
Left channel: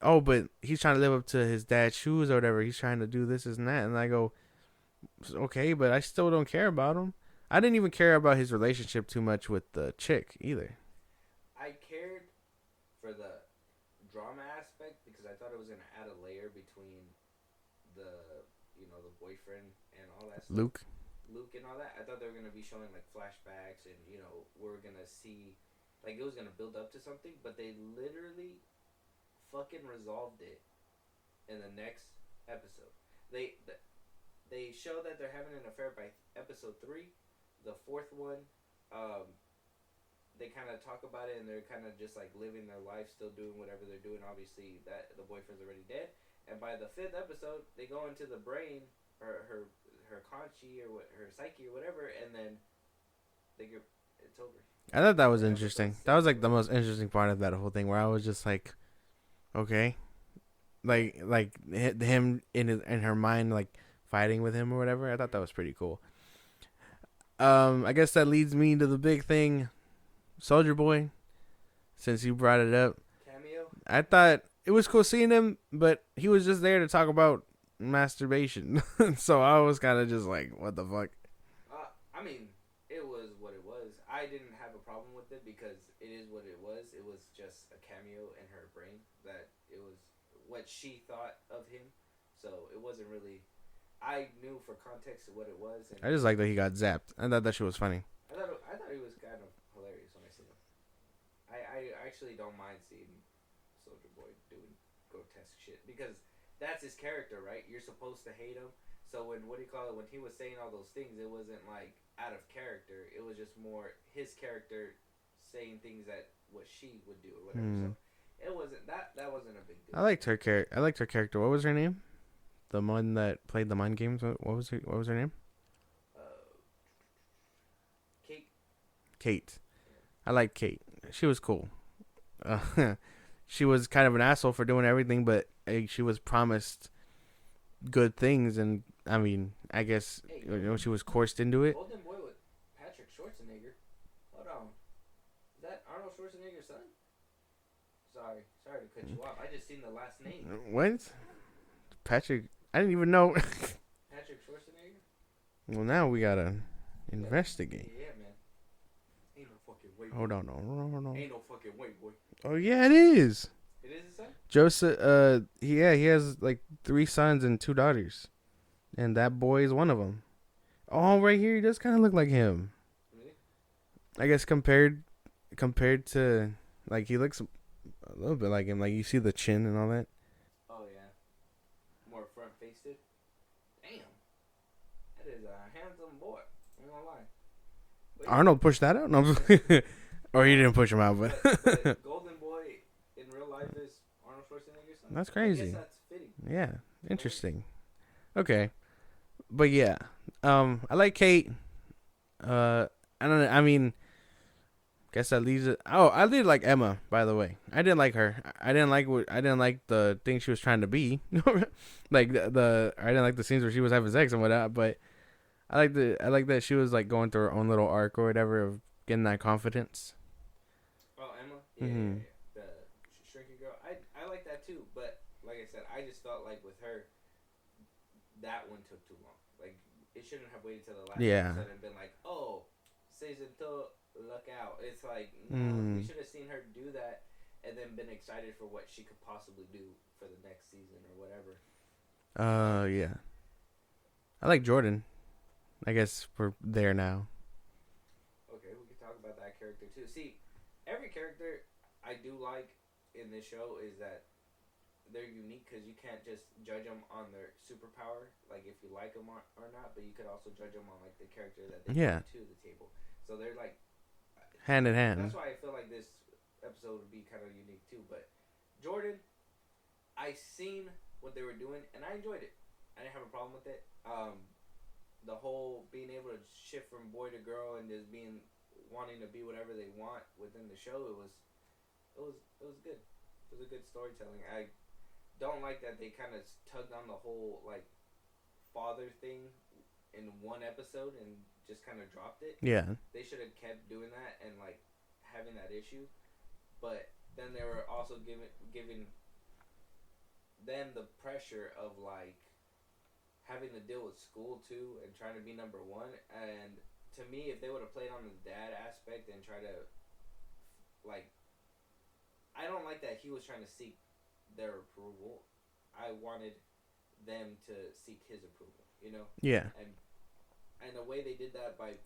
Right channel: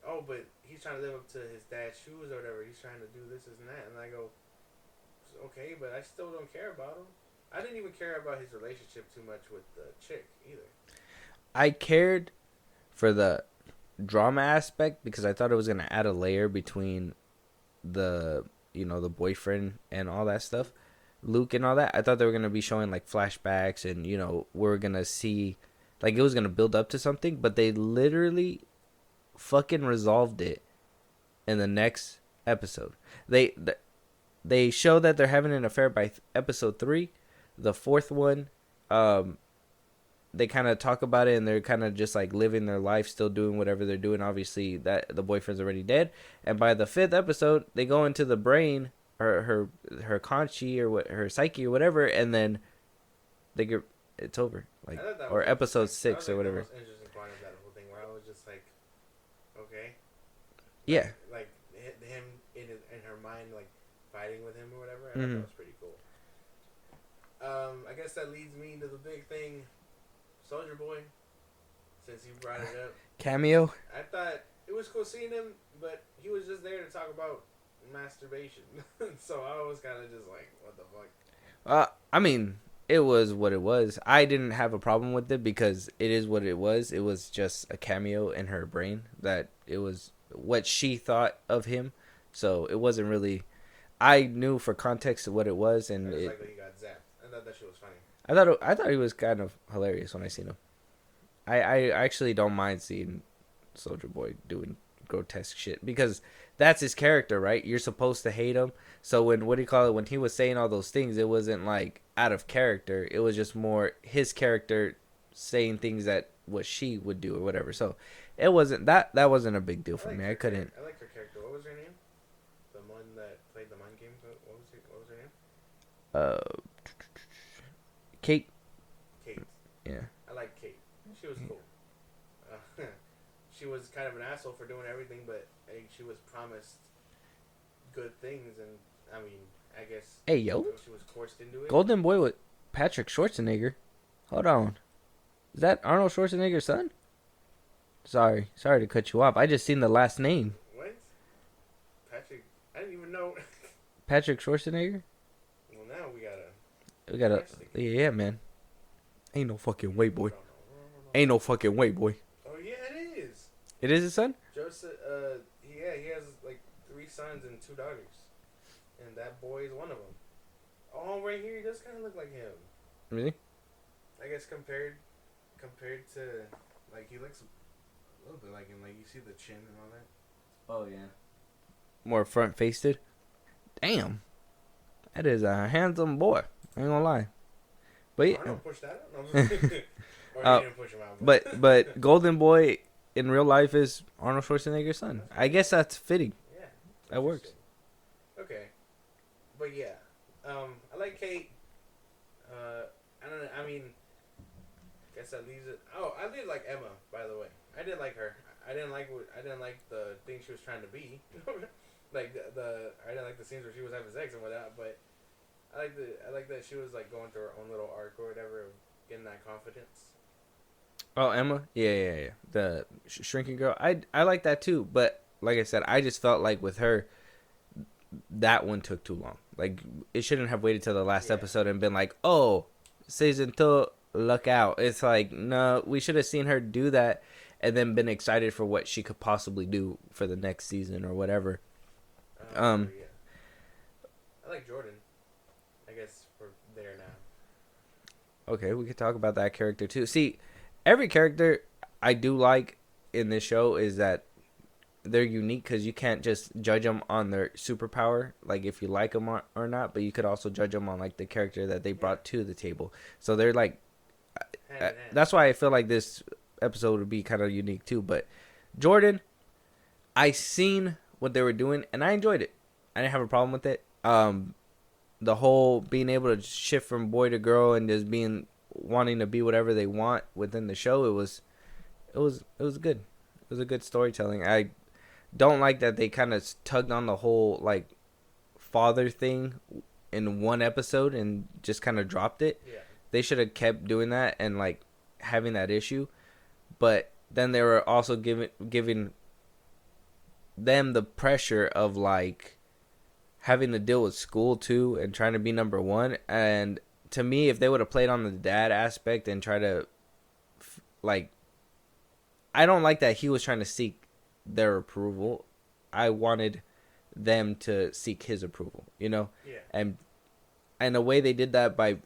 oh, but he's trying to live up to his dad's shoes or whatever. He's trying to do this and that. And I go, okay, but I still don't care about him. I didn't even care about his relationship too much with the chick either. I cared for the drama aspect because I thought it was gonna add a layer between the boyfriend and all that stuff. Luke and all that. I thought they were gonna be showing like flashbacks and we're gonna see like it was gonna build up to something, but they literally fucking resolved it in the next episode. They show that they're having an affair by episode 3. The 4th one, they kind of talk about it and they're kind of just like living their life, still doing whatever they're doing. Obviously, that the boyfriend's already dead. And by the 5th episode, they go into the brain, her Conchi or what, her psyche or whatever, and then it's over. Like, I thought that was episode interesting. 6. That was like the most interesting part of that whole thing, where I was just like, okay, like him in her mind, like fighting with him or whatever. I thought that was pretty cool. I guess that leads me to the big thing, Soldier Boy. Since you brought it up, cameo. I thought it was cool seeing him, but he was just there to talk about masturbation. So I was kind of just like, what the fuck? I mean, it was what it was. I didn't have a problem with it because it is what it was. It was just a cameo in her brain that it was what she thought of him. So it wasn't really. I knew for context of what it was, and I just like that he got zapped. I thought that shit was funny. I thought he was kind of hilarious when I seen him. I actually don't mind seeing Soldier Boy doing grotesque shit because that's his character, right? You're supposed to hate him. So when he was saying all those things, it wasn't like out of character. It was just more his character saying things that what she would do or whatever. So it wasn't that wasn't a big deal. I liked her character. I liked her character. What was her name? The one that played the mind games. What was her name? Kate. Yeah, I like Kate. She was cool. She was kind of an asshole for doing everything, but she was promised good things, and I mean, I guess she was coerced into it. Golden Boy with Patrick Schwarzenegger. Hold on, is that Arnold Schwarzenegger's son? Sorry to cut you off. I just seen the last name. What? Patrick? I didn't even know. Patrick Schwarzenegger. Well, now we gotta investigate. Yeah, man. Ain't no fucking way, boy. No. Ain't no fucking way, boy. Oh yeah, it is. It is his son? Joseph. He has like 3 sons and 2 daughters, and that boy is one of them. Oh, right here, he does kind of look like him. Really? I guess compared to, like, he looks a little bit like him. Like, you see the chin and all that. Oh yeah. More front faced. Damn. That is a handsome boy. I ain't gonna lie. But yeah. Arnold pushed that out? No. Or he didn't push him out, but Golden Boy in real life is Arnold Schwarzenegger's son. That's I guess crazy. that's fitting. Yeah. That works. Interesting. Okay. But yeah. I like Kate. I don't know. I mean, guess that leaves it. Oh, I did like Emma, by the way. I didn't like her. I didn't like the thing she was trying to be. Like I didn't like the scenes where she was having sex and whatnot, but I like that she was like going through her own little arc or whatever of getting that confidence. Oh, Emma? Yeah. The shrinking girl. I like that too, but like I said, I just felt like with her, that one took too long. Like, it shouldn't have waited till the last episode and been like, oh, season 2, look out. It's like, no, we should have seen her do that and then been excited for what she could possibly do for the next season or whatever. Yeah. I like Jordan. I guess we're there now. Okay, we could talk about that character too. See, every character I do like in this show is that they're unique because you can't just judge them on their superpower, like if you like them or not, but you could also judge them on like the character that they brought to the table. So they're like hand in hand. That's why I feel like this episode would be kind of unique too. But Jordan, I seen what they were doing and I enjoyed it. I didn't have a problem with it. The whole being able to shift from boy to girl and just wanting to be whatever they want within the show, it was good. It was a good storytelling. I don't like that they kind of tugged on the whole like father thing in one episode and just kind of dropped it. Yeah, they should have kept doing that and like having that issue, but then they were also giving them the pressure of like having to deal with school too and trying to be number one. And to me, if they would have played on the dad aspect and try to like, I don't like that he was trying to seek their approval. I wanted them to seek his approval, you know? Yeah. And the way they did that by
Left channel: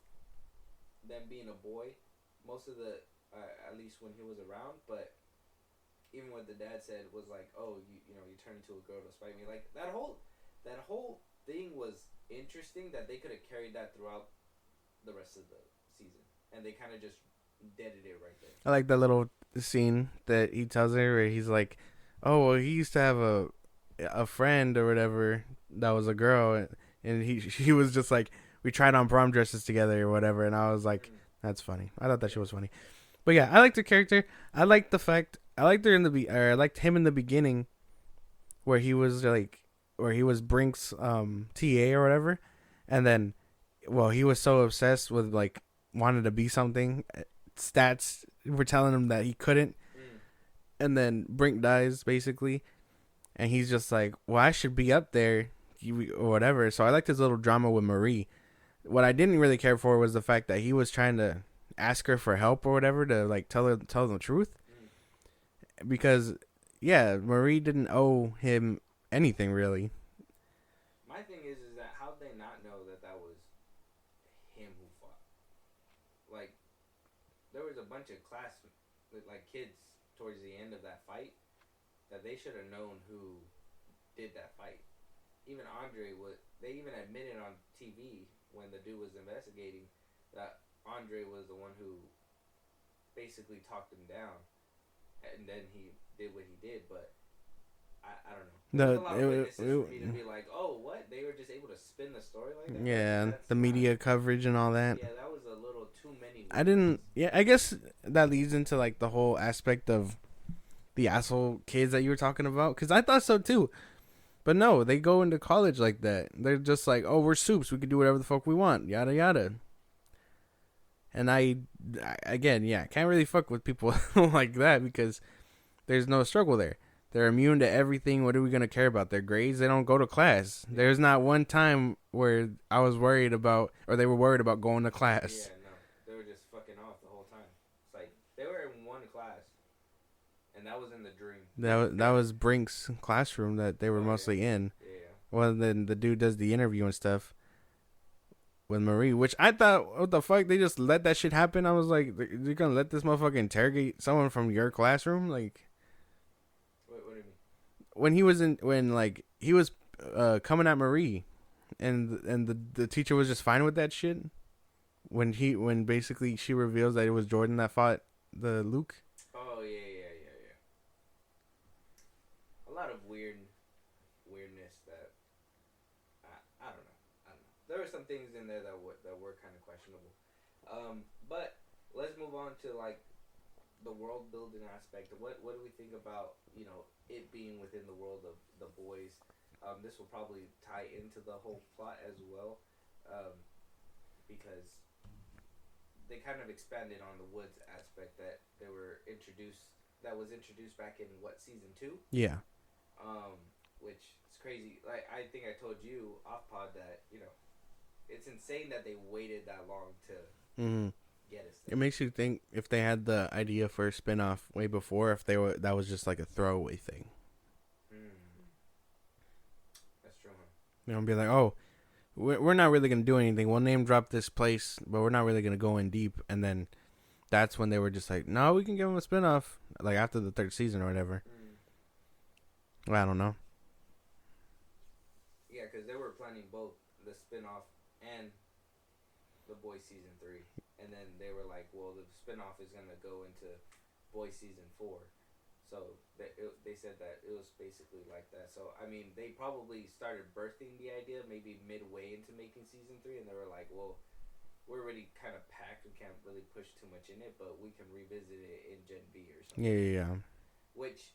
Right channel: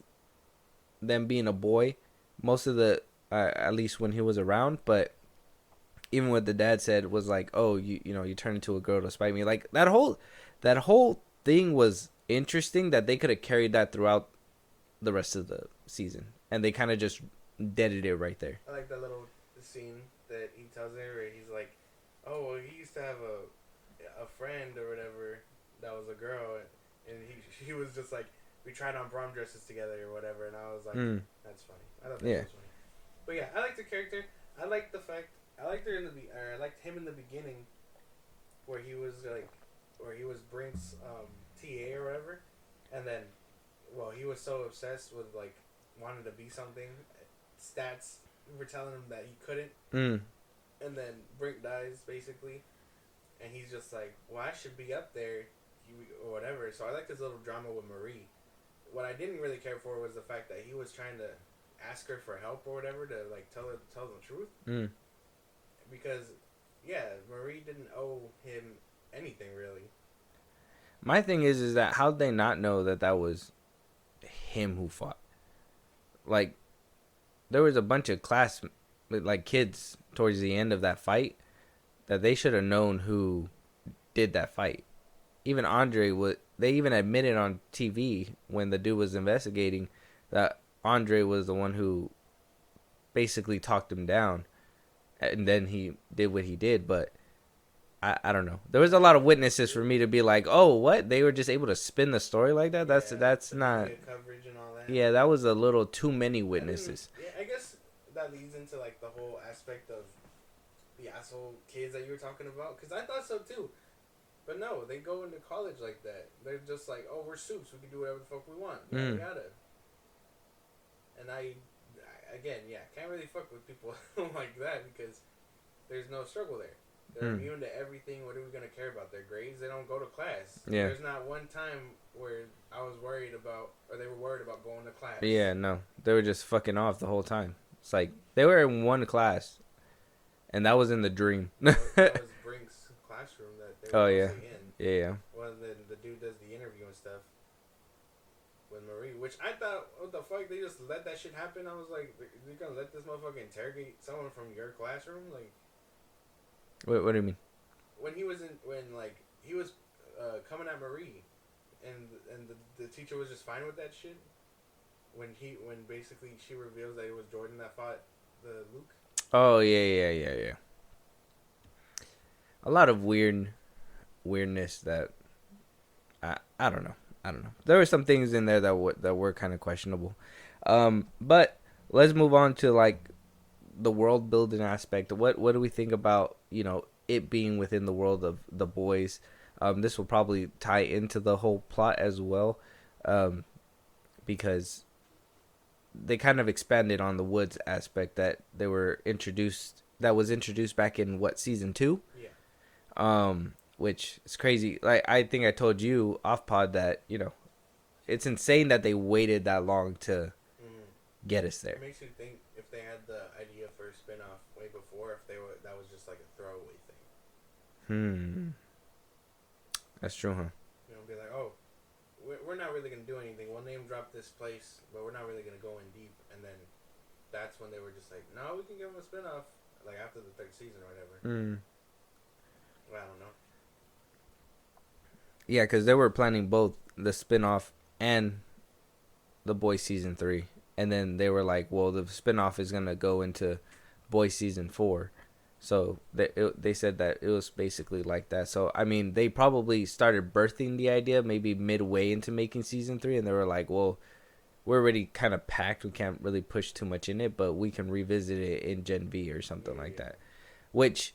them being a boy, most of the, at least when he was around, but even what the dad said was like, oh, you know, you turned into a girl to spite me. Like that whole thing was interesting that they could have carried that throughout the rest of the season. And they kind of just deaded it right there. I like that little scene that he tells her where he's like, oh, well, he used to have a friend or whatever that was a girl, and she was just like, we tried on prom dresses together or whatever, and I was like, that's funny. I thought that shit was funny. But yeah, I liked the character. I liked I liked him in the beginning where he was Brink's TA or whatever, and then he was so obsessed with like wanted to be something. Stats were telling him that he couldn't. And then Brink dies, basically. And he's just like, well, I should be up there, or whatever. So I liked his little drama with Marie. What I didn't really care for was the fact that he was trying to ask her for help or whatever to, like, tell the truth. Because, yeah, Marie didn't owe him anything, really. My thing is that how'd they not know that was him who fought? Like, there was a bunch of kids towards the end of that fight that they should have known who did that fight. Even Andre they even admitted on TV when the dude was investigating that Andre was the one who basically talked him down, and then he did what he did. But I don't know. There was a lot of witnesses for me to be like, oh, what? They were just able to spin the story like that? Yeah, that's the not media coverage and all that. Yeah, that was a little too many witnesses. I guess that leads into like the whole aspect of the asshole kids that you were talking about, because I thought so too. But no, they go into college like that. They're just like, oh, we're soups. We can do whatever the fuck we want. Yada, yada. And I can't really fuck with people like that because there's no struggle there. They're immune to everything. What are we going to care about? Their grades? They don't go to class. Yeah. There's not one time where I was worried about, or they were worried about going to class. Yeah, no. They were just fucking off the whole time. It's like, they were in one class, and that was in the dream. that was Brink's classroom that they were mostly in. Yeah. Well, then the dude does the interview and stuff with Marie, which I thought, what the fuck? They just let that shit happen? I was like, they're going to let this motherfucker interrogate someone from your classroom? Like, what do you mean? when he was coming at Marie, and the teacher was just fine with that shit. When basically she reveals that it was Jordan that fought the Luke. Oh yeah. A lot of weirdness that I don't know. There were some things in there that were kind of questionable. But let's move on to like the world building aspect. What do we think about, it being within the world of the boys? This will probably tie into the whole plot as well, because they kind of expanded on the woods aspect that was introduced back in season 2. Yeah. Which is crazy. Like, I think I told you off pod that, it's insane that they waited that long to get us there. It makes you think if they had the idea for a spinoff way before, that was just like a throwaway thing. That's true, huh? Be like, oh, we're not really gonna do anything. We'll name drop this place, but we're not really gonna go in deep. And then that's when they were just like, no, we can give them a spinoff, like after the 3rd season or whatever. Well, I don't know. Yeah, because they were planning both the spinoff and the Boys season 3, and then they were like, well, the spinoff is gonna go into Boys season 4. So they said that it was basically like that. So I mean, they probably started birthing the idea maybe midway into making season 3, and they were like, well, we're already kind of packed. We can't really push too much in it, but we can revisit it in Gen V or something that. Which,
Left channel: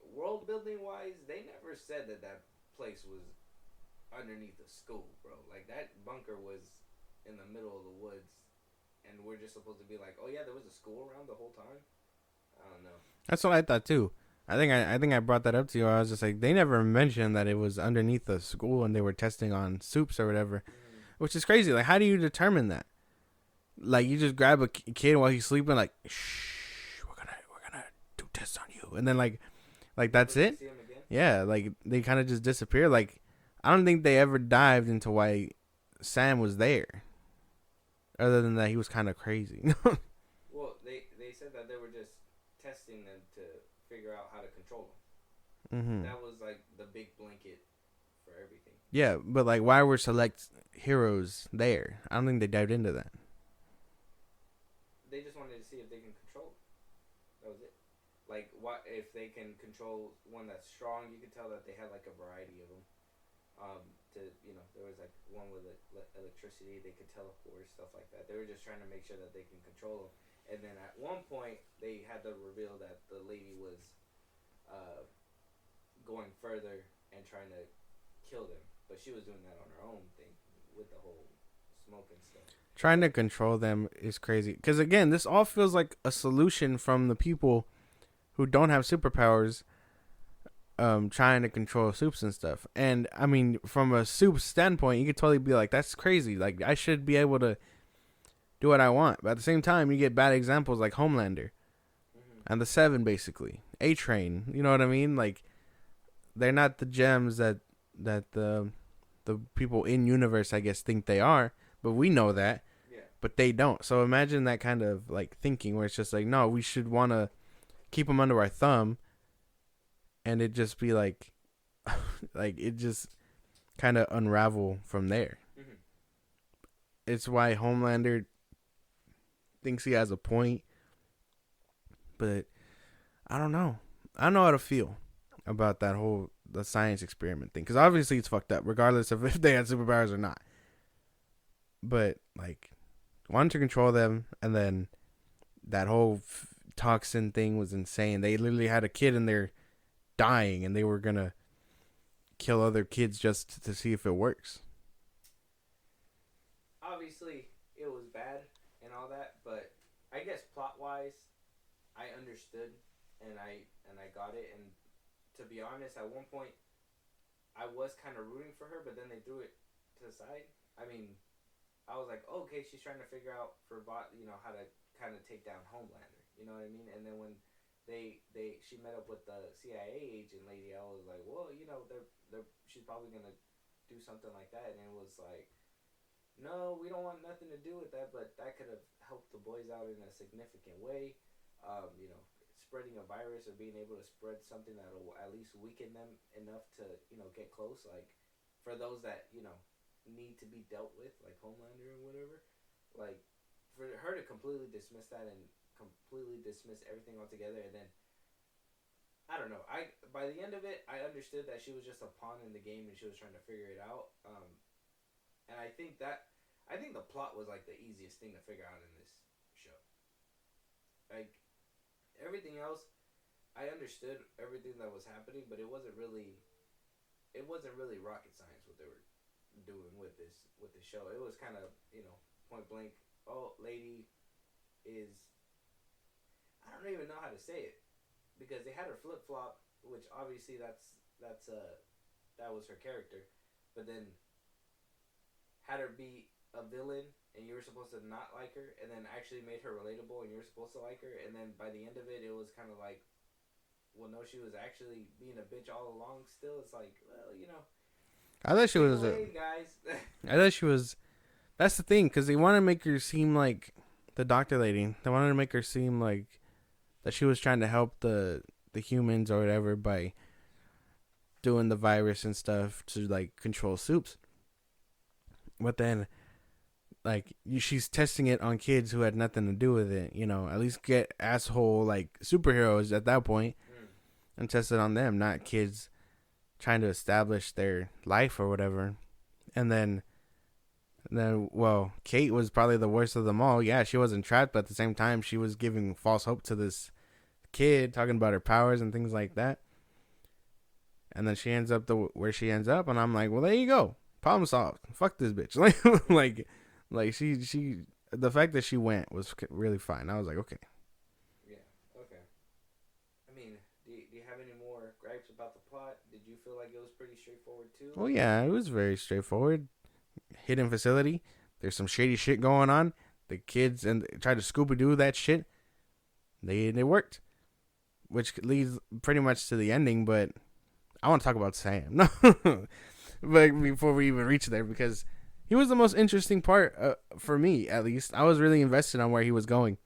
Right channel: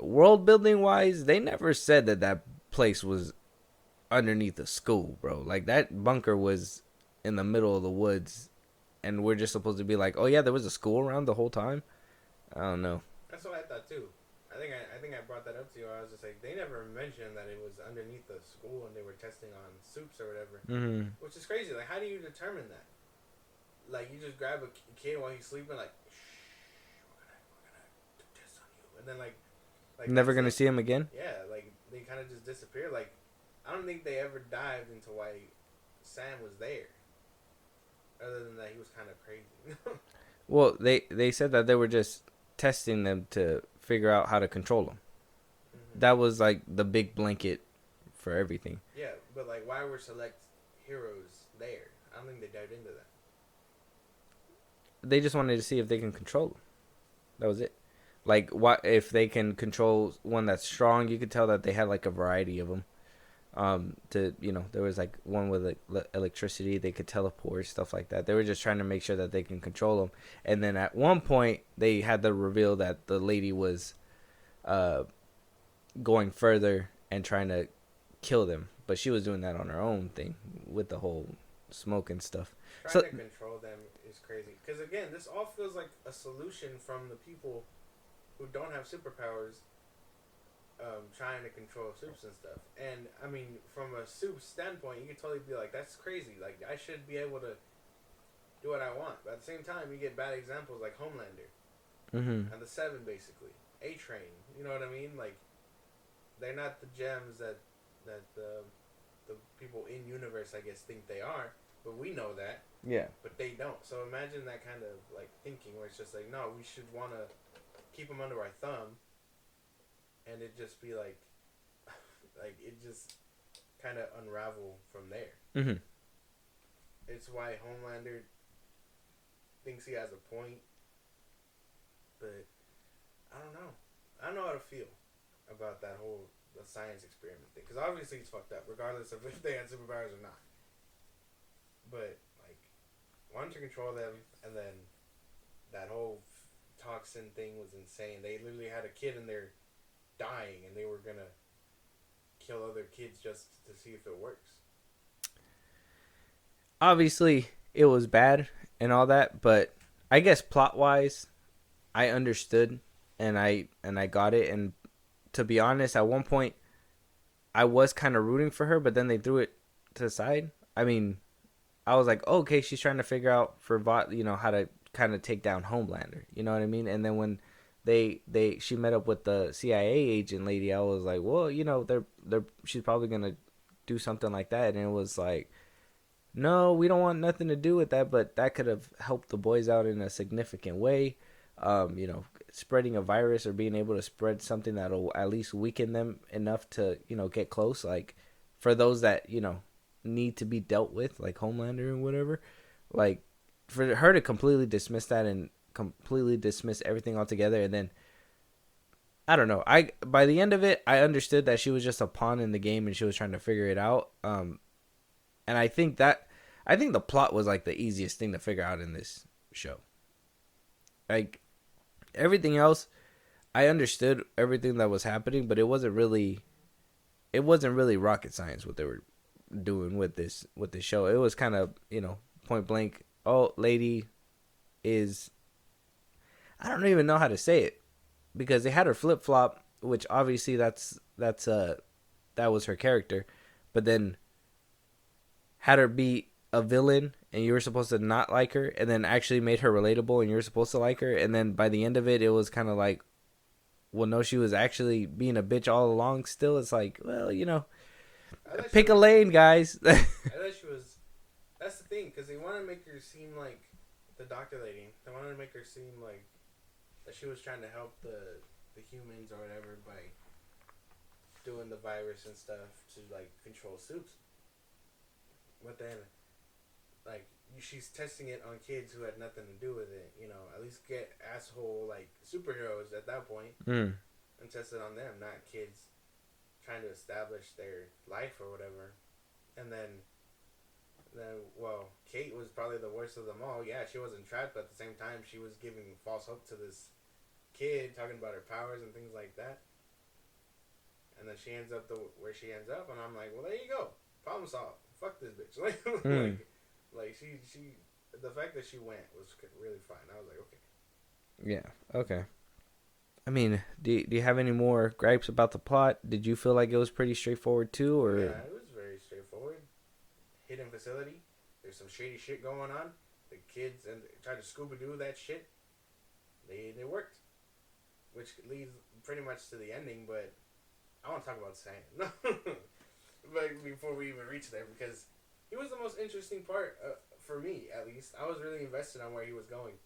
world building wise, they never said that place was underneath a school, bro. Like, that bunker was in the middle of the woods, and we're just supposed to be like, oh yeah, there was a school around the whole time. I don't know. That's what I thought too. I think I brought that up to you. I was just like, they never mentioned that it was underneath the school and they were testing on soups or whatever, which is crazy. Like, how do you determine that? Like, you just grab a kid while he's sleeping, like, shh, we're gonna do tests on you, and then like Never that's gonna it? see him again. Yeah, like they kind of just disappear. Like, I don't think they ever dived into why Sam was there, other than that he was kind of crazy. Well, they said that they were just testing them to figure out how to control them. That was like the big blanket for everything. Yeah, but like, why were select heroes there? I don't think they dived into that. They just wanted to see if they can control them. That was it. Like, what if they can control one that's strong? You could tell that they had like a variety of them. There was like one with electricity. They could teleport, stuff like that. They were just trying to make sure that they can control them. And then at one point, they had the reveal that the lady was going further and trying to kill them, but she was doing that on her own thing with the whole smoke and stuff. Trying to control them is crazy. Because again, this all feels like a solution from the people who don't have superpowers, trying to control soups and stuff. And I mean, from a soup standpoint, you could totally be like, that's crazy. Like, I should be able to do what I want. But at the same time, you get bad examples like Homelander and the Seven, basically. A-Train, you know what I mean? Like, they're not the gems that the people in universe, I guess, think they are. But we know that. Yeah. But they don't. So imagine that kind of like thinking where it's just like, no, we should want to keep them under our thumb. And it just be like, like, it just kind of unravel from there. It's why Homelander thinks he has a point. But I don't know. I don't know how to feel about the science experiment thing. Because obviously it's fucked up, regardless of if they had superpowers or not. But, like, wanted to control them, and then that whole toxin thing was insane. They literally had a kid in there dying, and they were gonna kill other kids just to see if it works. Obviously, it was bad and all that, but I guess plot-wise, I understood, and I got it. And to be honest, at one point, I was kind of rooting for her, but then they threw it to the side. I mean, I was like, oh, okay, she's trying to figure out how to kind of take down Homelander. You know what I mean? And then when she met up with the CIA agent lady, I was like, well, she's probably gonna do something like that. And it was like, no, we don't want nothing to do with that, but that could have helped the boys out in a significant way. spreading a virus or being able to spread something that'll at least weaken them enough to, get close. Like, for those that, need to be dealt with, like Homelander and whatever. Like, for her to completely dismiss that and completely dismiss everything altogether, and then, I don't know. By the end of it, I understood that she was just a pawn in the game and she was trying to figure it out. And I think the plot was like the easiest thing to figure out in this show. Like, everything else, I understood everything that was happening, but it wasn't really rocket science what they were doing with this show. It was kind of, point blank. Oh, lady is, I don't even know how to say it, because they had her flip flop, which obviously that was her character, but then had her be a villain and you were supposed to not like her, and then actually made her relatable and you were supposed to like her, and then by the end of it, it was kind of like, well, no, she was actually being a bitch all along. Still, it's like, well, pick a lane, guys. I thought she was. That's the thing, because they want to make her seem like the doctor lady. They wanted to make her seem like that she was trying to help the humans or whatever by doing the virus and stuff to like control soups. But then, like, she's testing it on kids who had nothing to do with it. At least get asshole like superheroes at that point and test it on them, not kids trying to establish their life or whatever. And then, well, Kate was probably the worst of them all. Yeah, she wasn't trapped, but at the same time, she was giving false hope to this kid, talking about her powers and things like that. And then she ends up where she ends up, and I'm like, well, there you go, problem solved. Fuck this bitch. Like she the fact that she went was really fine. I was like, okay, yeah, okay. I mean, do you have any more gripes about the plot? Did you feel like it was pretty straightforward too? Or? Yeah, it was very straightforward. Hidden facility. There's some shady shit going on. The kids and tried to Scooby-Doo that shit. They worked, which leads pretty much to the ending. But I want to talk about Sam. But before we even reach there, because he was the most interesting part for me, at least. I was really invested on where he was going.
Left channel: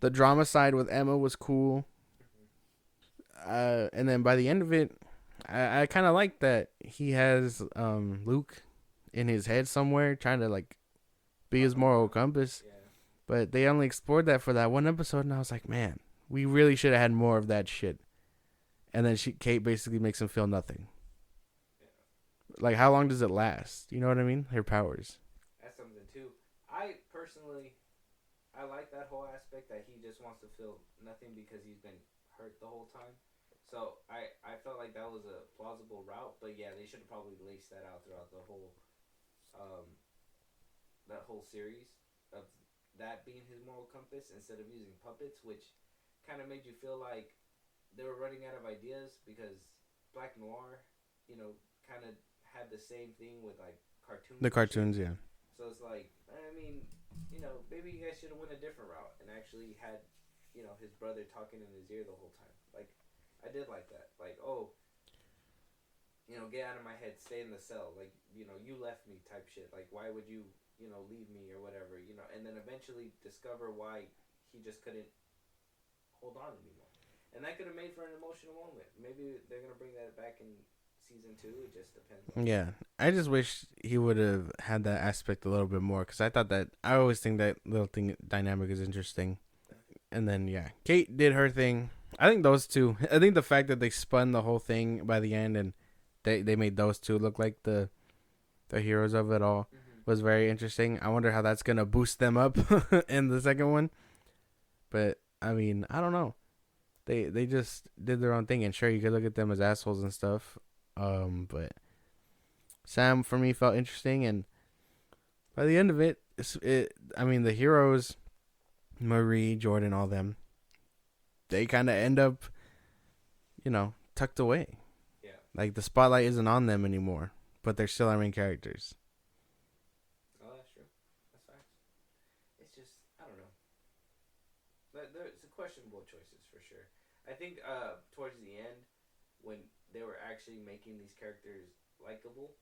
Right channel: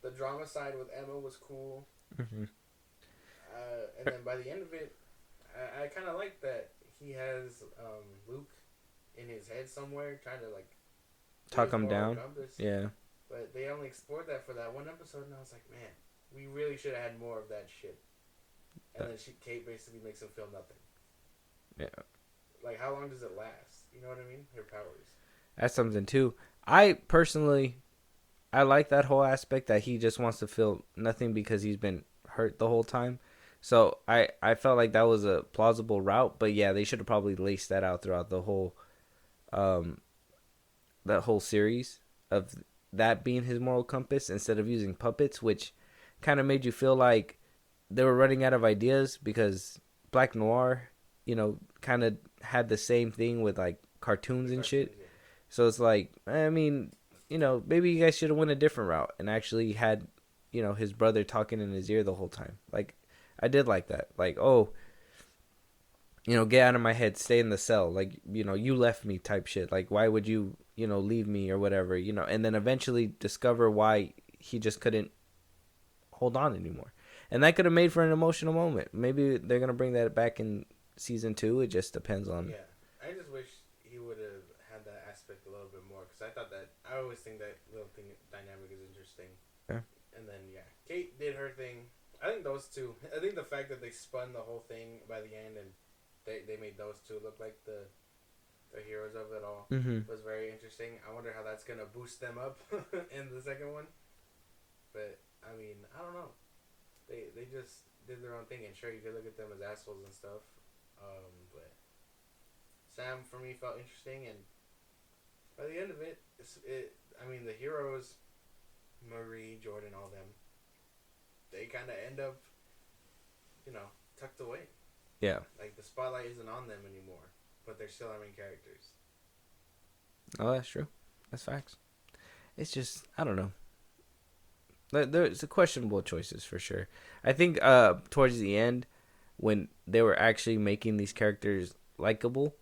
The drama side with Emma was cool. Mm-hmm. And then by the end of it, I kind of like that he has Luke in his head somewhere trying to like be his moral compass. Yeah. But they only explored that for that one episode, and I was like, man, we really should have had more of that shit. And then Kate basically makes him feel nothing. Yeah. Like, how long does it last? You know what I mean? Her powers. That's something too. I personally, I like that whole aspect that he just wants to feel nothing because he's been hurt the whole time. So I felt like that was a plausible route, but yeah, they should have probably laced that out throughout the whole, that whole series of that being his moral compass instead of using puppets, which kind of made you feel like they were running out of ideas because Black Noir, kind of had the same thing with like cartoons. The cartoons, shit. Yeah. So it's like, I mean, maybe you guys should have went a different route and actually had, his brother talking in his ear the whole time. Like, I did like that. Like, oh, get out of my head, stay in the cell. Like, you left me type shit. Like, why would you, leave me or whatever, and then eventually discover why he just couldn't hold on anymore. And that could have made for an emotional moment. Maybe they're going to bring that back in season 2. It just depends on. Yeah. I just wish he would have had that aspect a little bit more, because I always think that little thing dynamic is interesting. Yeah. And then, yeah, Kate did her thing. I think those two, I think the fact that they spun the whole thing by the end and they made those two look like the heroes of it all was very interesting. I wonder how that's going to boost them up in the second one. But, I mean, I don't know. They just did their own thing. And sure, you could look at them as assholes and stuff. But Sam, for me, felt interesting. And by the end of it, the heroes, Marie, Jordan, all them, they kind of end up, tucked away. Yeah. Like, the spotlight isn't on them anymore, but they're still our main characters. Oh, that's true. That's facts. It's just, I don't know. There's questionable choices for sure. I think towards the end, when they were actually making these characters likable,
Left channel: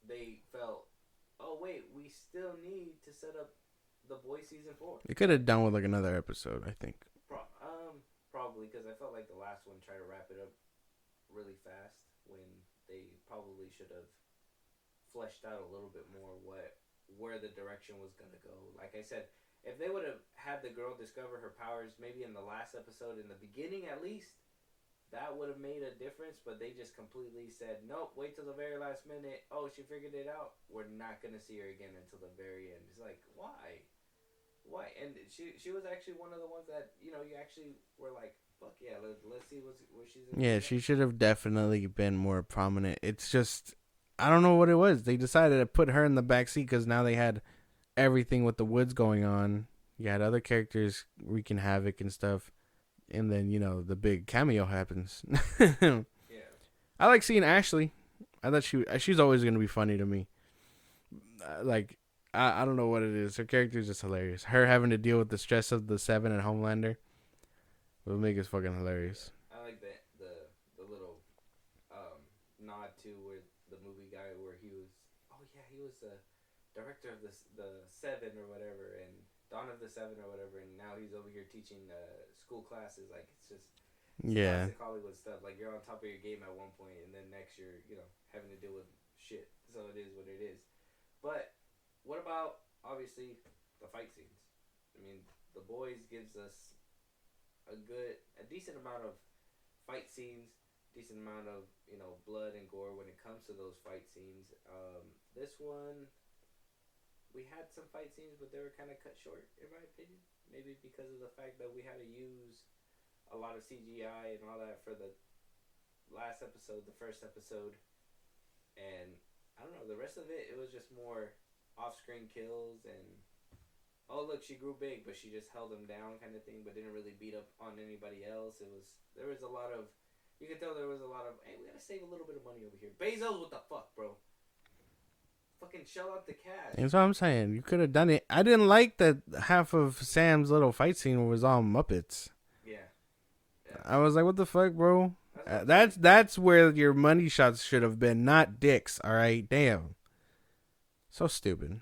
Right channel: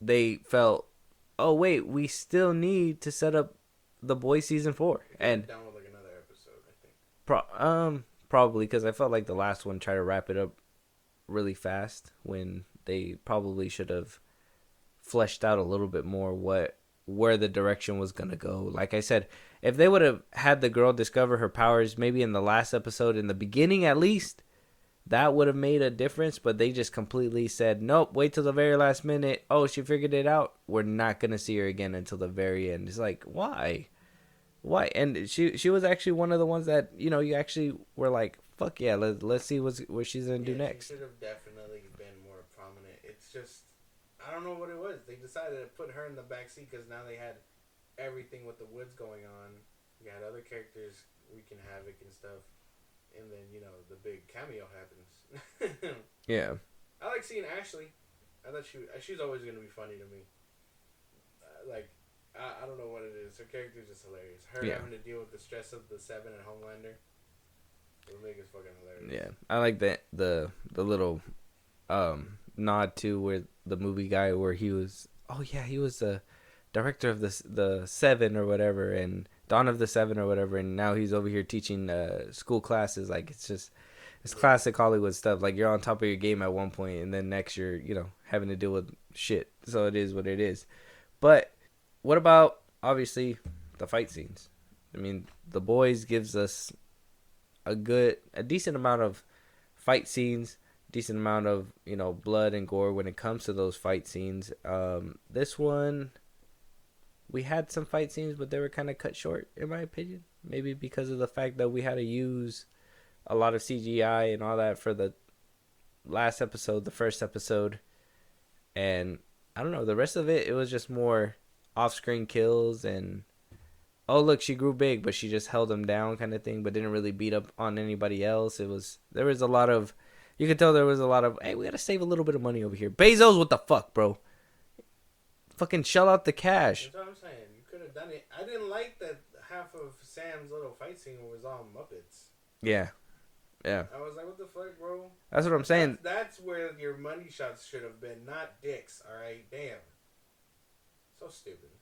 they felt, oh, wait, we still need to set up The Boys season 4. It could have done with, like, another episode, I think. Probably because I felt like the last one tried to wrap it up really fast when they probably should have fleshed out a little bit more where the direction was gonna go. Like I said, if they would have had the girl discover her powers maybe in the last episode, in the beginning at least, that would have made a difference. But they just completely said, nope, wait till the very last minute. Oh, she figured it out. We're not gonna see her again until the very end. It's like, why? And she was actually one of the ones that, you know, you actually were like, fuck yeah, let's see where she's in. Yeah, she should have definitely been more prominent. It's just, I don't know what it was. They decided to put her in the back seat because now they had everything with the woods going on. You had other characters wreaking havoc and stuff, and then, you know, the big cameo happens. Yeah, I like seeing Ashley. I thought she's always gonna be funny to me. I don't know what it is. Her character is just hilarious. Her having to deal with the stress of the Seven and Homelander. It'll make it fucking hilarious. yeah. I like the little nod to where the movie guy where he was. Oh yeah, he was the director of the Seven or whatever, and Dawn of the Seven or whatever, and now he's over here teaching school classes. Like it's classic Hollywood stuff. Like you're on top of your game at one point, and then next you're having to deal with shit. So it is what it is. But what about obviously the fight scenes? I mean, The Boys gives us a decent amount of fight scenes, decent amount of blood and gore when it comes to those fight scenes. This one, we had some fight scenes, but they were kind of cut short, in my opinion. Maybe because of the fact that we had to use a lot of CGI and all that for the last episode, the first episode, and I don't know, the rest of it was just more off-screen kills and, oh look, she grew big, but she just held him down kind of thing, but didn't really beat up on anybody else. There was a lot of, you could tell there was a lot of, hey, we gotta save a little bit of money over here. Bezos, what the fuck, bro? Fucking shell out the cash. That's what I'm saying. You could have done it. I didn't like that half of Sam's little fight scene was all Muppets. Yeah. I was like, what the fuck, bro? That's what I'm saying. That's where your money shots should have been, not dicks, all right? Damn. So stupid.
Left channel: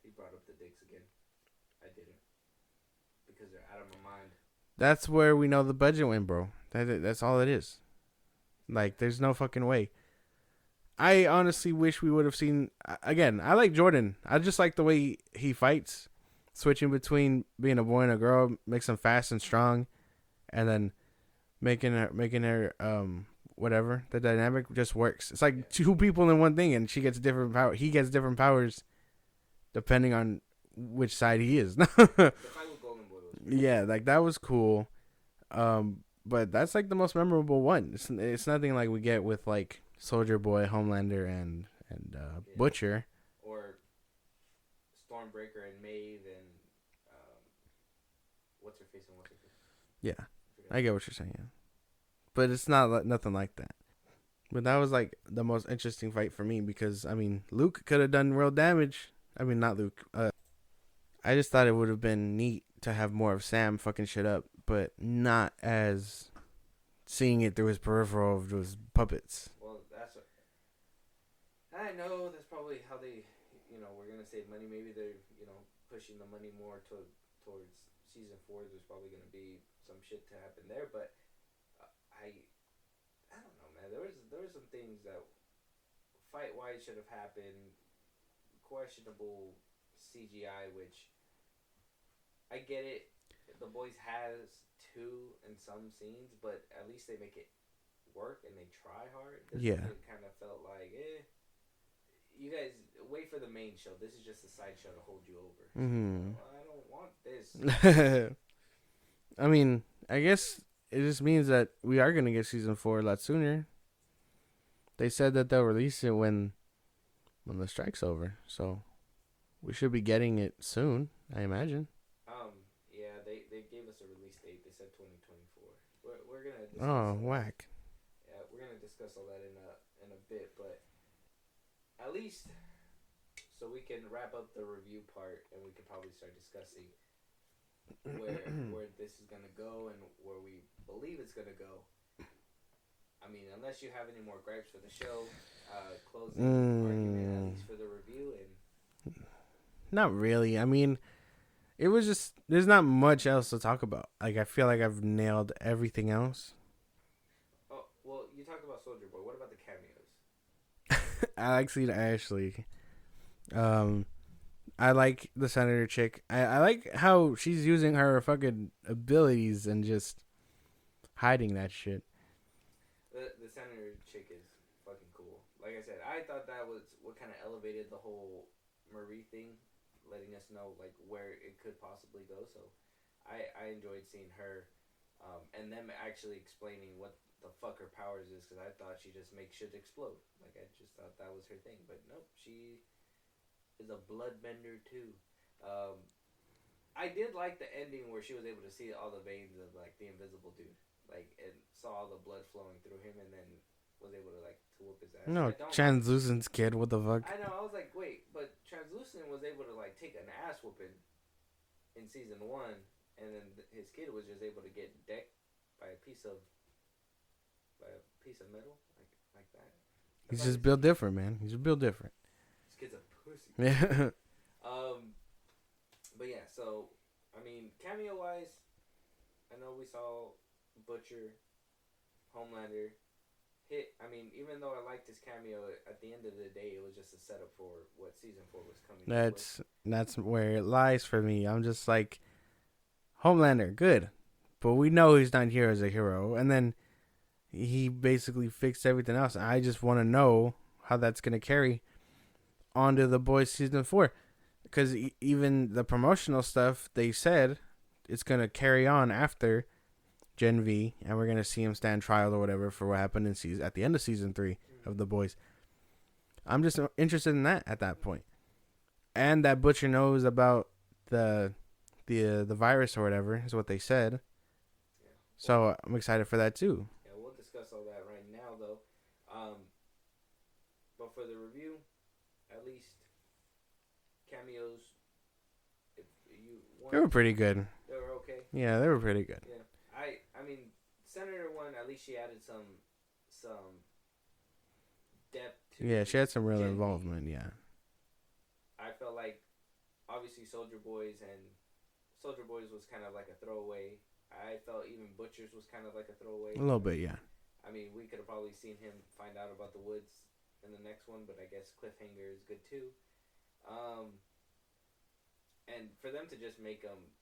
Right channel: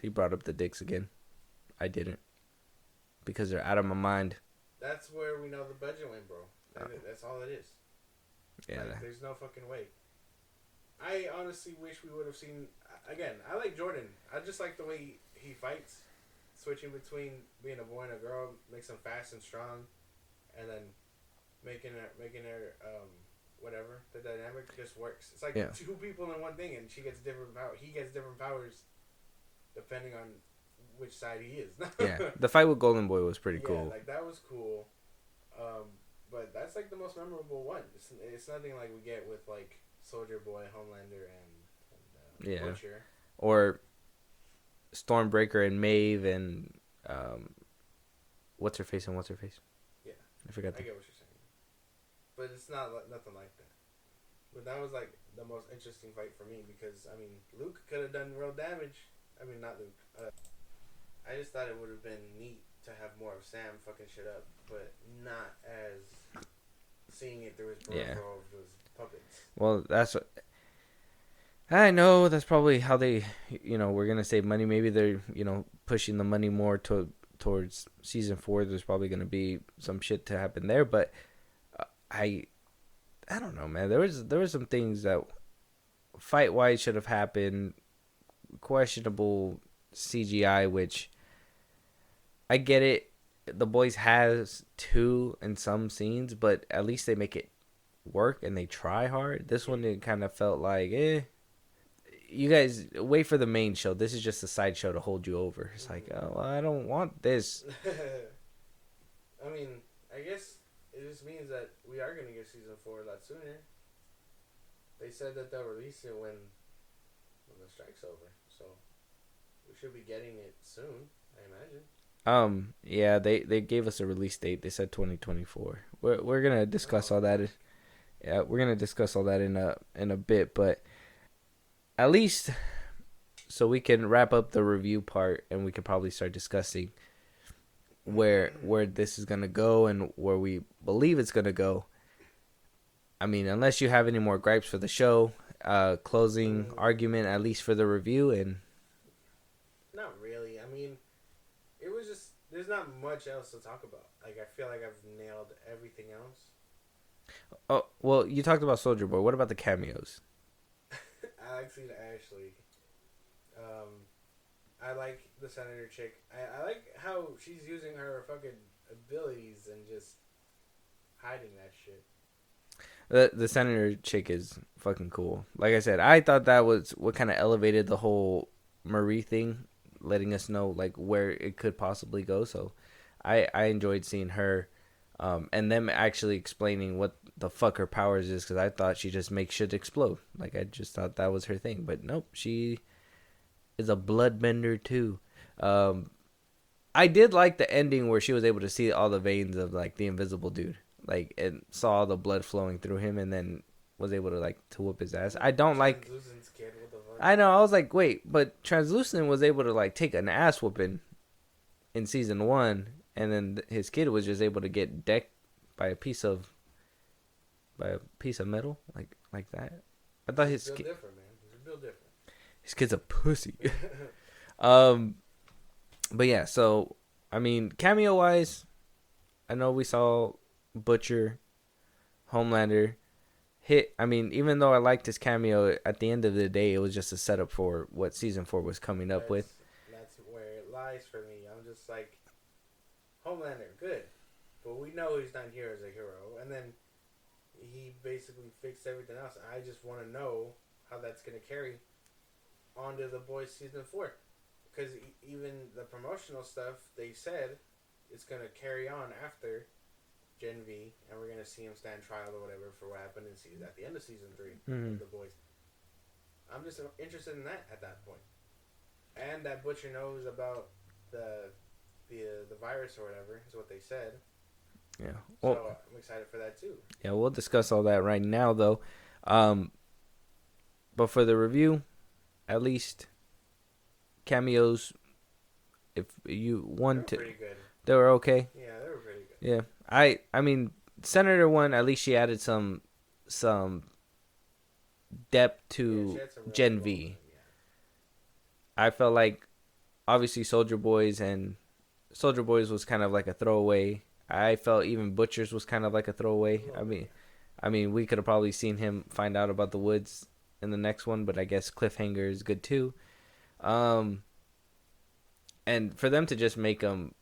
He brought up the dicks again. I didn't. Because they're out of my mind. That's where we know the budget went, bro. That's all it is. Yeah. Like, there's no fucking way. I honestly wish we would have seen... Again, I like Jordan. I just like the way he fights. Switching between being a boy and a girl makes him fast and strong. And then making her whatever. The dynamic just works. It's like two people in one thing, and she gets different power. He gets different powers depending on which side he is. Yeah, the fight with Golden Boy was pretty cool. Yeah, like that was cool. But that's like the most memorable one. It's nothing like we get with like Soldier Boy, Homelander, and Butcher, or Stormbreaker and Maeve and what's her face. Yeah, I forgot. I get what you're saying. Yeah. But it's not nothing like that. But that was like the most interesting fight for me because I mean Luke could have done real damage. I mean not Luke. I just thought it would have been neat to have more of Sam fucking shit up, but not as seeing it through his peripheral of those puppets. Well, that's what I know. That's probably how they, we're gonna save money. Maybe they're, pushing the money more towards season 4. There's probably gonna be some shit to happen there, but I don't know, man. There was some things that fight wise should have happened. Questionable CGI, which I get it. The Boys has 2 in some scenes, but at least they make it work and they try hard. This one, it kind of felt like, you guys wait for the main show. This is just a side show to hold you over. It's like, well, I don't want this. I mean, I guess it just means that we are going to get season 4 a lot sooner. They said that they'll release it when the strike's over. So we should be getting it soon, I imagine. Yeah, they gave us a release date. They said 2024. We're going to discuss all that. Yeah, we're going to discuss all that in a bit, but at least so we can wrap up the review part and we can probably start discussing where this is going to go and where we believe it's going to go. I mean, unless you have any more gripes for the show, closing argument, at least for the review. And not really. I mean, It was just there's not much else to talk about. Like I feel like I've nailed everything else. Oh well, you talked about Soldier Boy. What about the cameos? I like seeing Ashley. I like the senator chick. I like how she's using her fucking abilities and just hiding that shit. The senator chick is fucking cool. Like I said, I thought that was what kind of elevated the whole Marie thing, letting us know like where it could possibly go. So I enjoyed seeing her, and them actually explaining what the fuck her powers is, because I thought she just makes shit explode. Like I just thought that was her thing, but nope, she is a bloodbender too. I did like the ending where she was able to see all the veins of like the invisible dude, like, and saw the blood flowing through him, and then was able to like to whoop his ass. No, I don't like Translucent's kid. What the fuck? I know. I was like, wait, but Translucent was able to like take an ass whooping in season 1, and then his kid was just able to get decked by a piece of metal, like that. I thought He's built different, man. He's built different. His kid's a pussy. Yeah. But yeah. So I mean, cameo wise, I know we saw Butcher, Homelander. I mean, even though I liked his cameo, at the end of the day, it was just a setup for what season 4 was coming up with. That's where it lies for me. I'm just like, Homelander, good, but we know he's not here as a hero, and then he basically fixed everything else. I just want to know how that's gonna carry onto The Boys season 4, because even the promotional stuff, they said it's gonna carry on after Gen V, and we're gonna see him stand trial or whatever for what happened at the end of season 3 of The Boys. I'm just interested in that at that point, and that Butcher knows about the virus or whatever is what they said. Yeah, so I'm excited for that too. Yeah, we'll discuss all that right now though. But for the review, at least cameos, if you want, they were pretty good. They were okay. Yeah, they were pretty good. Yeah. I mean, Senator one, at least she added some depth to she had some real Gen V. Yeah. I felt like obviously Soldier Boys was kind of like a throwaway. I felt even Butcher's was kind of like a throwaway. A little bit, yeah. I mean, we could have probably seen him find out about the woods in the next one, but I guess cliffhanger is good too. And for them to just make him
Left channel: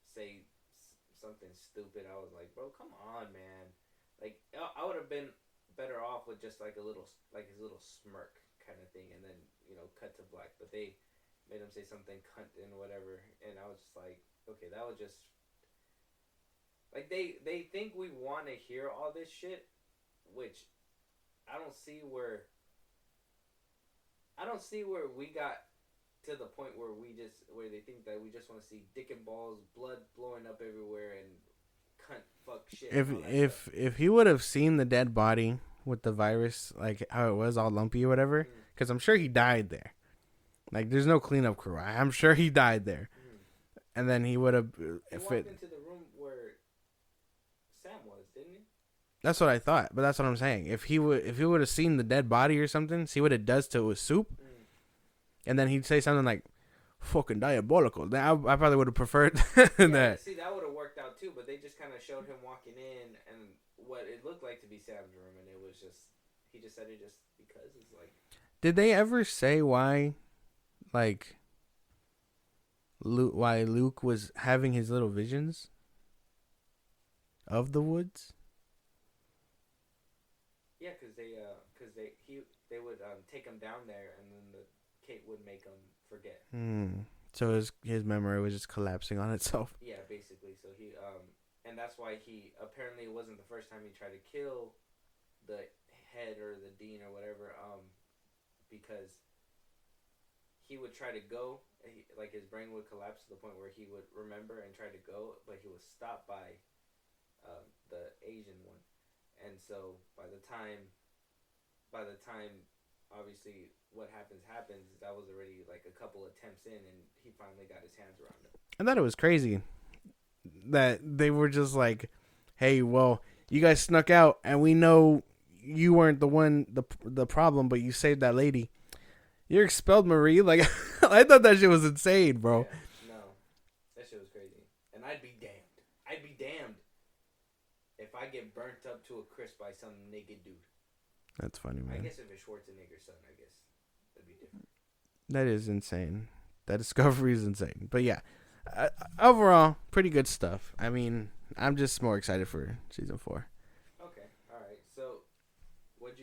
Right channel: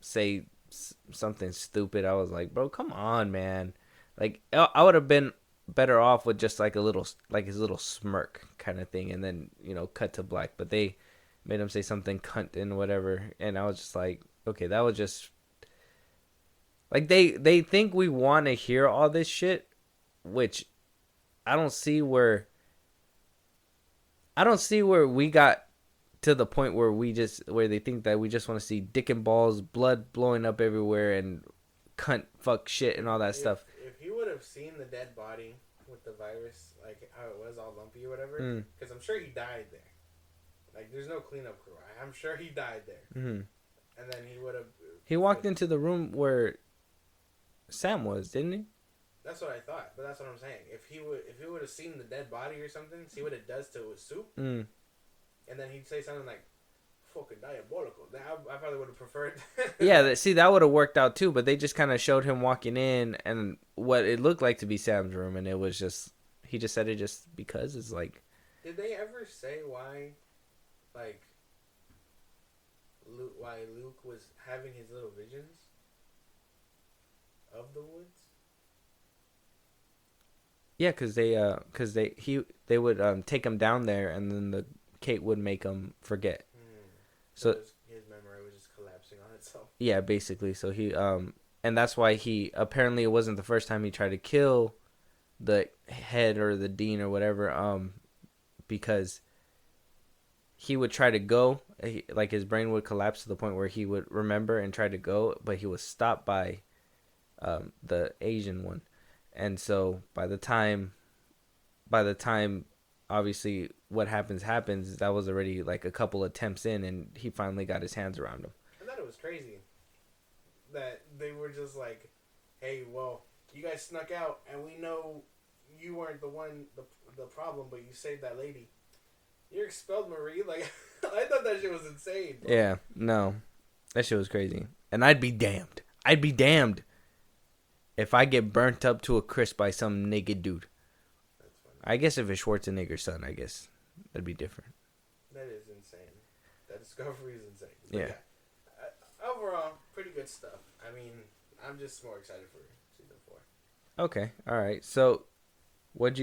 say something stupid, I was like, bro, come on, man. Like, I would have been better off with just like his little smirk kind of thing, and then cut to black. But they made him say something cunt and whatever, and I was just like, okay, that was just like they think we want to hear all this shit, which I don't see where we got to the point where they think that we just want to see dick and balls, blood blowing up everywhere, and cunt, fuck, shit, and all that stuff. If he would have seen the dead body with the virus, like how it was all lumpy or whatever, because I'm sure he died there. Like, there's no cleanup crew. I'm sure he died there. Mm-hmm. And then he would have. He walked into the room where Sam was, didn't he? That's what I thought, but that's what I'm saying. If he would have seen the dead body or something, see what it does to his soup, and then he'd say something like "fucking diabolical," then I probably would have preferred. Yeah, see, that would have worked out too. But they just kind of showed him walking in and what it looked like to be Sam's room, and it was just he just said it just because it's like. Did they ever say why, like, why Luke was having his little visions of the woods? Yeah, because they would take him down there, and then Kate would make him forget. So his memory was just collapsing on itself. Yeah, basically. So he and that's why he apparently it wasn't the first time he tried to kill the head or the dean or whatever. Because he would try to go, like his brain would collapse to the point where he would remember and try to go, but he was stopped by the Asian one. And so by the time obviously what happens, that was already like a couple attempts in, and he finally got his hands around him. I thought it was crazy that they were just like, hey, well, you guys snuck out, and we know you weren't the problem, but you saved that lady. You're expelled, Marie. Like, I thought that shit was insane, bro. Yeah, no. That shit was crazy. And I'd be damned. I'd be damned if I get burnt up to a crisp by some naked dude. That's funny. Man. I guess if it's Schwarzenegger's son, I guess that'd be different. That is insane. That discovery is insane. But Yeah. overall, pretty good stuff. I mean, I'm just more excited for season 4. Okay, all right. So, what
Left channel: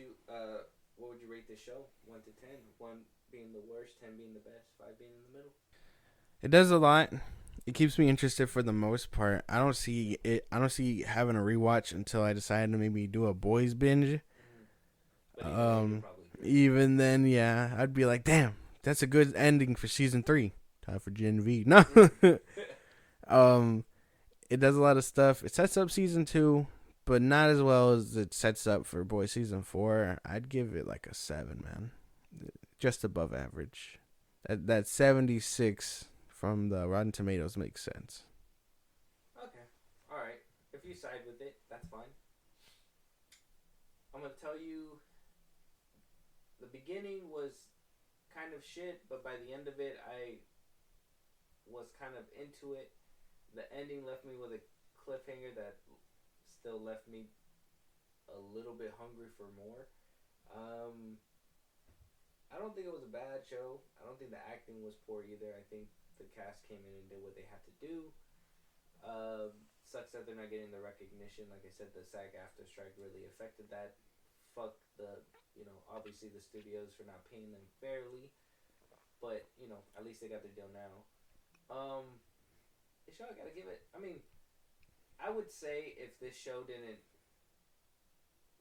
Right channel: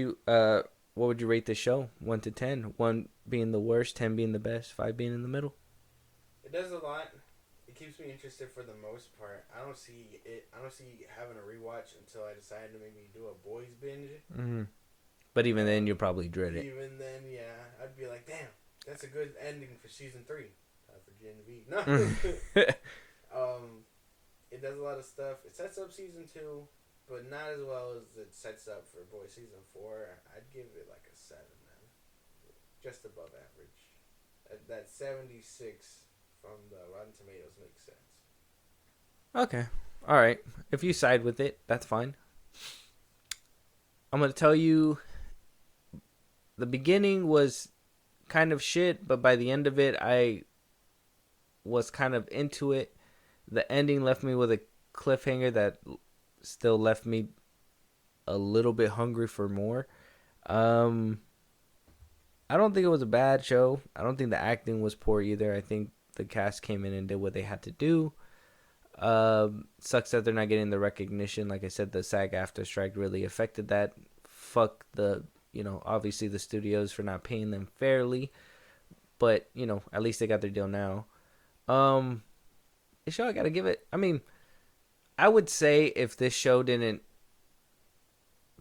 would you rate the show? 1 to 10. 1 being the worst, 10 being the best, 5 being in the middle. It does a lot. It keeps me interested for the most part. I don't see having a rewatch until I decide to maybe do a boys binge. Mm-hmm. But even then, you're probably dreading. Even then, yeah, I'd be like, damn, that's a good ending for season 3. Time for Gen V. No. It does a lot of stuff. It sets up season 2, but not as well as it sets up for boys season 4. I'd give it like a 7, man. Just above average. That 76 from the Rotten Tomatoes makes sense. Okay. All right. If you side with it, that's fine. I'm going to tell you the beginning was kind of shit, but by the end of it, I was kind of into it. The ending left me with a cliffhanger that still left me a little bit hungry for more. I don't think it was a bad show. I don't think the acting was poor either. I think the cast came in and did what they had to do. Sucks that they're not getting the recognition. Like I said, the SAG-AFTRA strike really affected that. Fuck obviously the studios for not paying them fairly. But, at least they got their deal now. This show, I gotta give it. I mean, I would say if this show didn't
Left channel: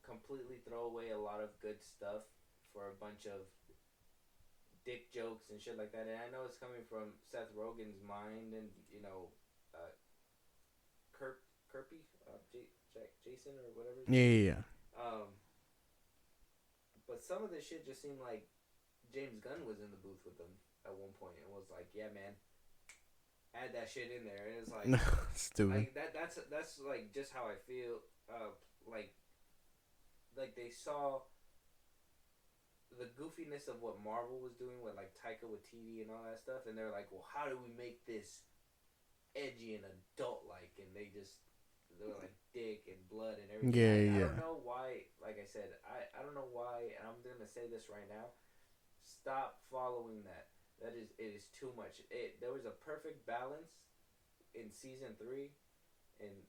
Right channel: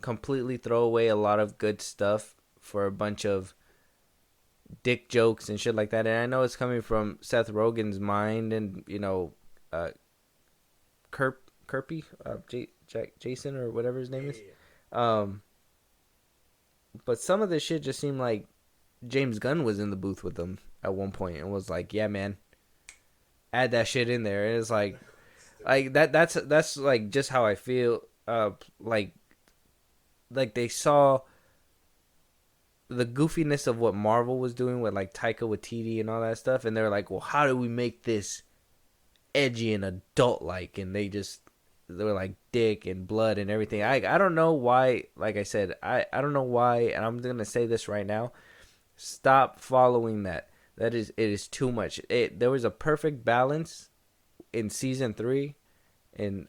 completely throw away a lot of good stuff for a bunch of dick jokes and shit like that, and I know it's coming from Seth Rogen's mind and Kirby, Jason or whatever his name is. Yeah. But some of this shit just seemed like James Gunn was in the booth with them at one point and was like, "Yeah, man, add that shit in there." And it's like, like that's like just how I feel. Like they saw the goofiness of what Marvel was doing with like Taika Waititi and all that stuff, and they're like, "Well, how do we make this edgy and adult like?" And they were like dick and blood and everything. I don't know why. Like I said, I don't know why, and I'm gonna say this right now. Stop following that. It is too much. There was a perfect balance in season 3. In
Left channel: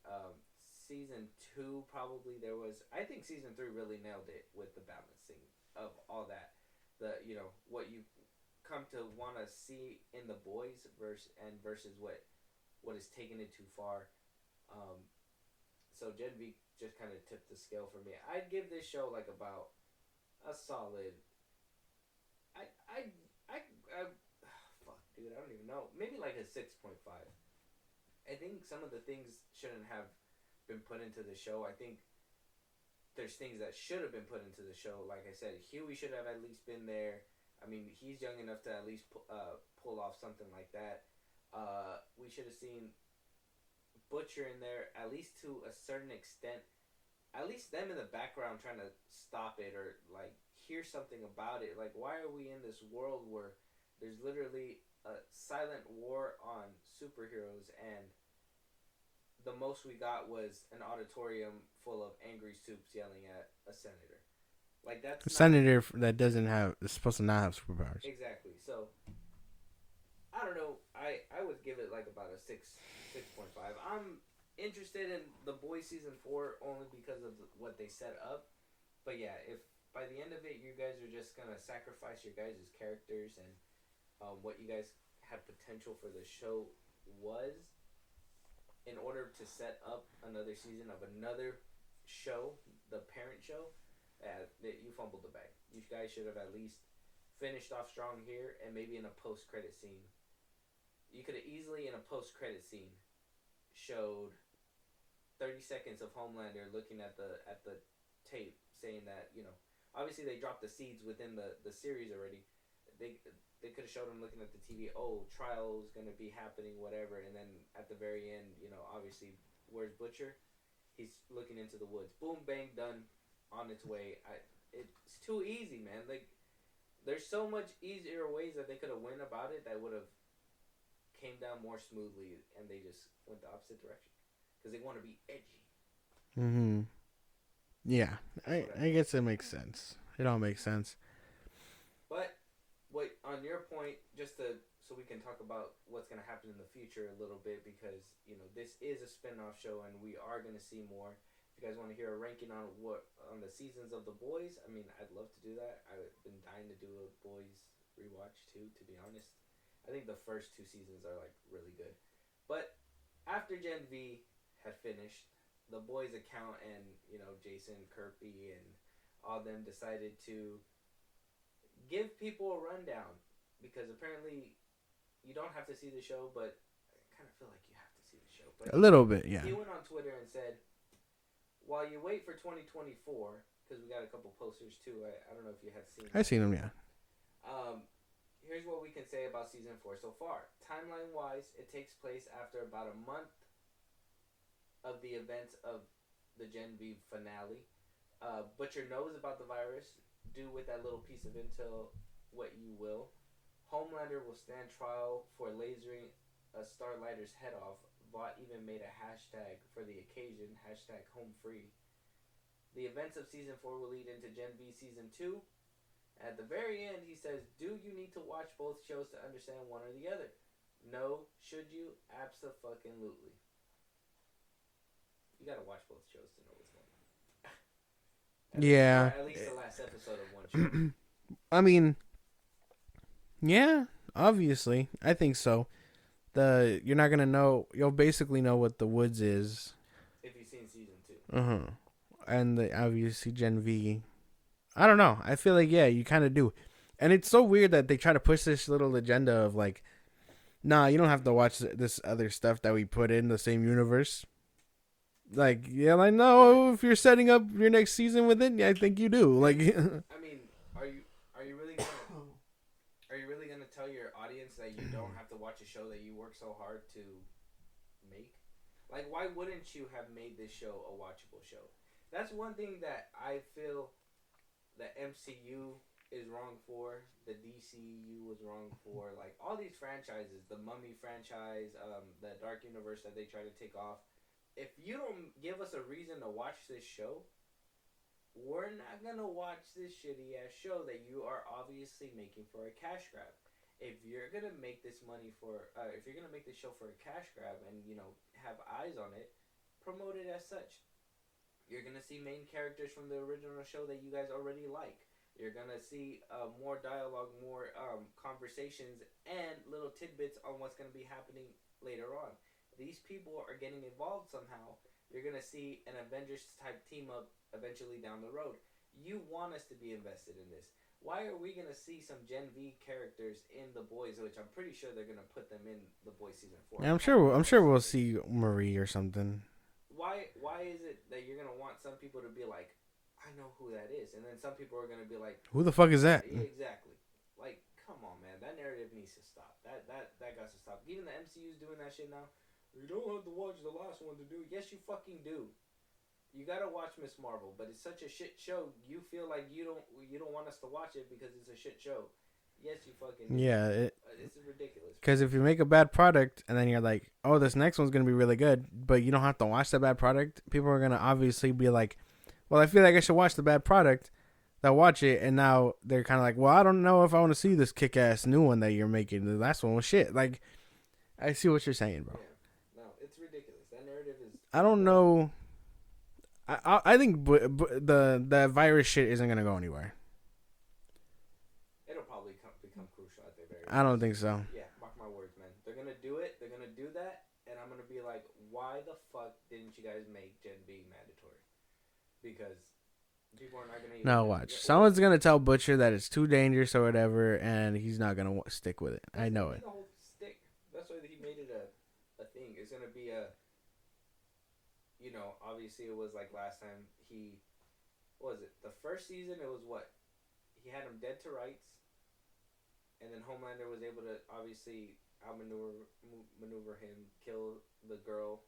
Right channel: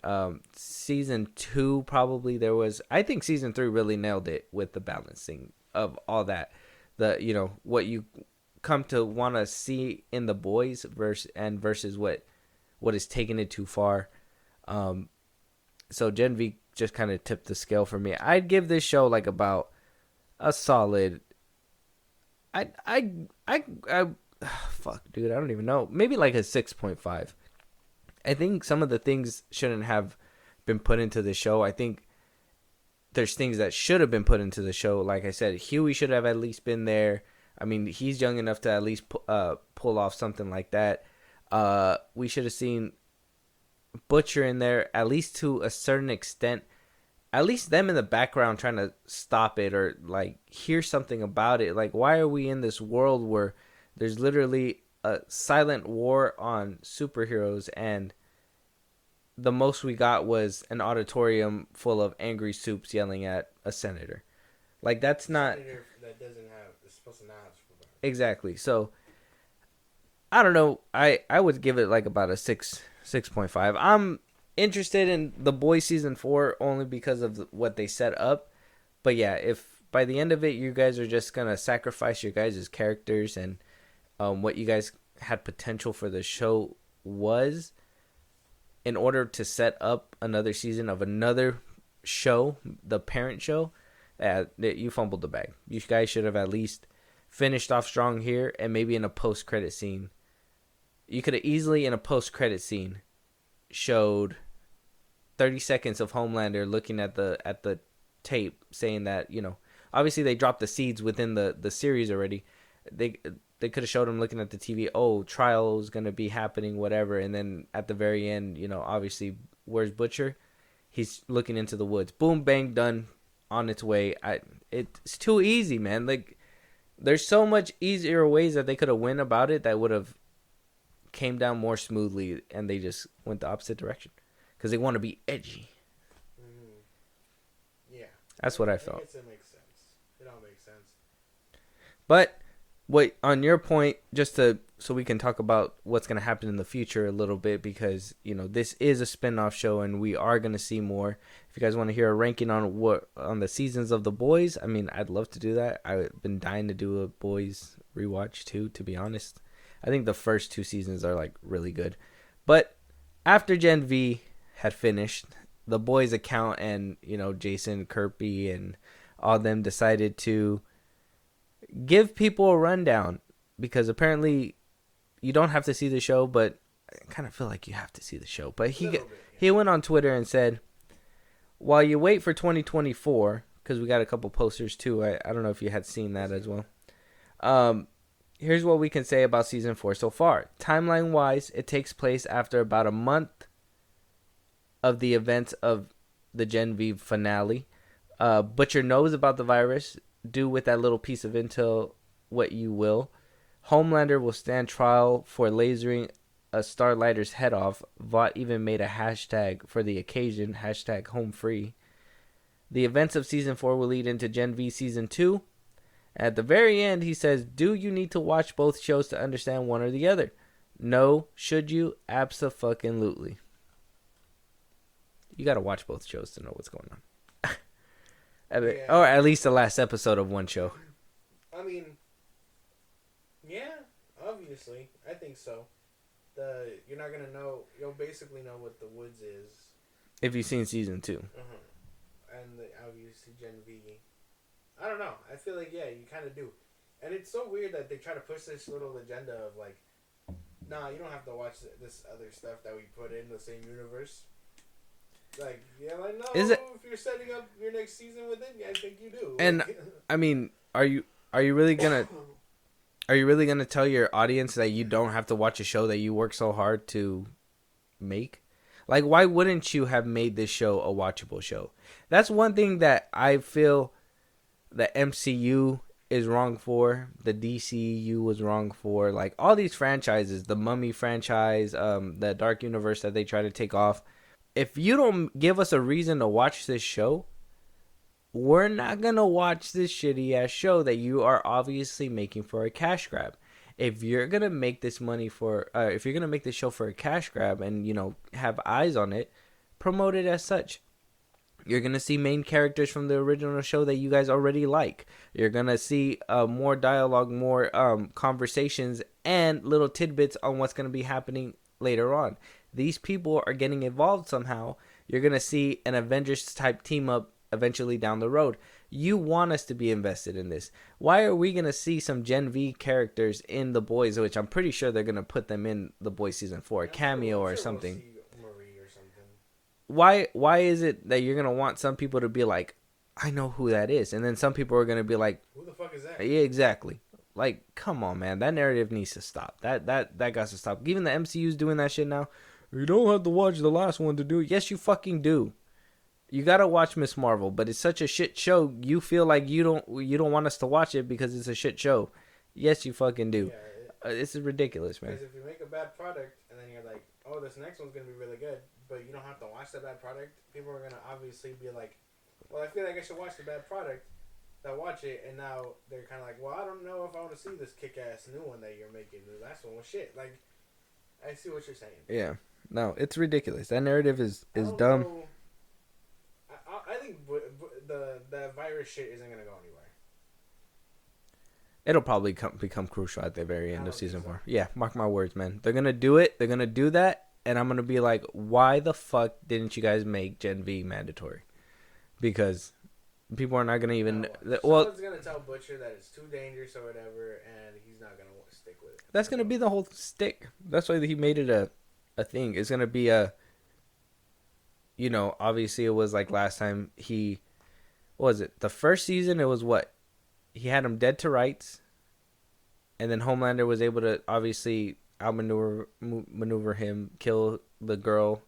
season 2, probably there was. I think season 3 really nailed it with the balancing of all that. What you come to want to see in the boys versus what is taking it too far. So Gen V just kind of tipped the scale for me. I'd give this show like about a solid. Fuck, dude, I don't even know. Maybe like a 6.5. I think some of the things shouldn't have been put into the show. I think there's things that should have been put into the show. Like I said, Huey should have at least been there. I mean, he's young enough to at least pull off something like that. We should have seen Butcher in there, at least to a certain extent. At least them in the background trying to stop it or like hear something about it. Like, why are we in this world where there's literally a silent war on superheroes, and the most we got was an auditorium full of angry soups yelling at a senator? Like, that's not senator that is supposed to not have superpowers. Exactly. So I don't know. I would give it like about a 6.5. I'm interested in The Boys season 4 only because of what they set up. But yeah, if by the end of it you guys are just gonna sacrifice your guys' characters and what you guys had potential for the show was in order to set up another season of another show, the parent show, you fumbled the bag. You guys should have at least finished off strong here, and maybe in a post-credit scene. You could have easily, in a post-credit scene, showed 30 seconds of Homelander looking at the tape, saying that, obviously they dropped the seeds within the series already. They could have showed him looking at the TV, oh, trial is going to be happening, whatever. And then at the very end, obviously, where's Butcher? He's looking into the woods. Boom, bang, done, on its way. It's too easy, man. Like, there's so much easier ways that they could have went about it that would have came down more smoothly, and they just went the opposite direction because they want to be edgy. Mm-hmm. Yeah, That's what I felt. I guess it makes sense. It all makes sense. But wait, on your point, just so we can talk about what's going to happen in the future a little bit, because this is a spin-off show and we are going to see more. If you guys want to hear a ranking on the seasons of The Boys, I mean, I'd love to do that. I've been dying to do a Boys rewatch too, to be honest. I think the first 2 seasons are like really good. But after Gen V had finished, The Boys account and Jason Kirby and all them decided to give people a rundown, because apparently you don't have to see the show, but I kind of feel like you have to see the show. But a little bit, yeah. He went on Twitter and said, while you wait for 2024, because we got a couple posters too. I don't know if you had seen that as well. Yeah. Here's what we can say about season 4 so far. Timeline wise, it takes place after about a month of the events of the Gen V finale. Butcher knows about the virus. Do with that little piece of intel what you will. Homelander will stand trial for lasering a Starlighter's head off. Vought even made a hashtag for the occasion, #HomeFree. The events of season 4 will lead into Gen V season 2. At the very end, he says, do you need to watch both shows to understand one or the other? No. Should you? Abso-fucking-lutely. You got to watch both shows to know what's going on. Yeah. Or at least the last episode of one show. I mean, yeah, obviously. I think so. You're not going to know. You'll basically know what The Woods is. If you've seen season 2. Uh-huh. And obviously Gen V. I don't know. I feel like, yeah, you kind of do. And it's so weird that they try to push this little agenda of like, nah, you don't have to watch this other stuff that we put in the same universe. Like, yeah, I know if you're setting up your next season with it, yeah, I think you do. Like, and I mean, are you really gonna tell your audience that you don't have to watch a show that you work so hard to make? Like, why wouldn't you have made this show a watchable show? That's one thing that I feel the MCU is wrong for, the DCU was wrong for, like all these franchises, the Mummy franchise, the Dark Universe that they try to take off. If you don't give us a reason to watch this show, we're not gonna watch this shitty ass show that you are obviously making for a cash grab. If you're gonna make this if you're gonna make this show for a cash grab and have eyes on it, promote it as such. You're going to see main characters from the original show that you guys already like. You're going to see more dialogue, more conversations, and little tidbits on what's going to be happening later on. These people are getting involved somehow. You're going to see an Avengers-type team-up eventually down the road. You want us to be invested in this. Why are we going to see some Gen V characters in The Boys, which I'm pretty sure they're going to put them in The Boys Season 4? I'm cameo sure or we'll something. see Marie or something. Why is it that you're gonna want some people to be like, I know who that is, and then some people are gonna be like, who the fuck is that? Yeah, exactly. Like, come on, man, that narrative needs to stop. That got to stop. Even the MCU's doing that shit now. You don't have to watch the last one to do it. Yes, you fucking do. You gotta watch Miss Marvel, but it's such a shit show. You feel like you don't want us to watch it because it's a shit show. Yes, you fucking do. Yeah, this is ridiculous. Because if you make a bad product and then you're like, oh, this next one's gonna be really good, but you don't have to watch the bad product, people are gonna obviously be like, well, I feel like I should watch the bad product. They'll watch it, and now they're kind of like, well, I don't know if I want to see this kick-ass new one that you're making. The last one was shit. Like, I see what you're saying, bro. Yeah, no, it's ridiculous. That narrative is I don't dumb. know. I think the virus shit isn't gonna go anywhere. It'll probably become crucial at the very end. I don't think so. Yeah, mark my words, man. They're going to do it. They're going to do that. And I'm going to be like, why the fuck didn't you guys make Gen V mandatory? Because people are not going to even... No, watch. Someone's going to tell Butcher that it's too dangerous or whatever, and he's not going to stick with it. That's going to be the whole stick. That's why he made it a thing. It's going to be a... obviously it was like last time what was it? The first season, it was what? He had him dead to rights, and then Homelander was able to obviously outmaneuver him, kill the girl,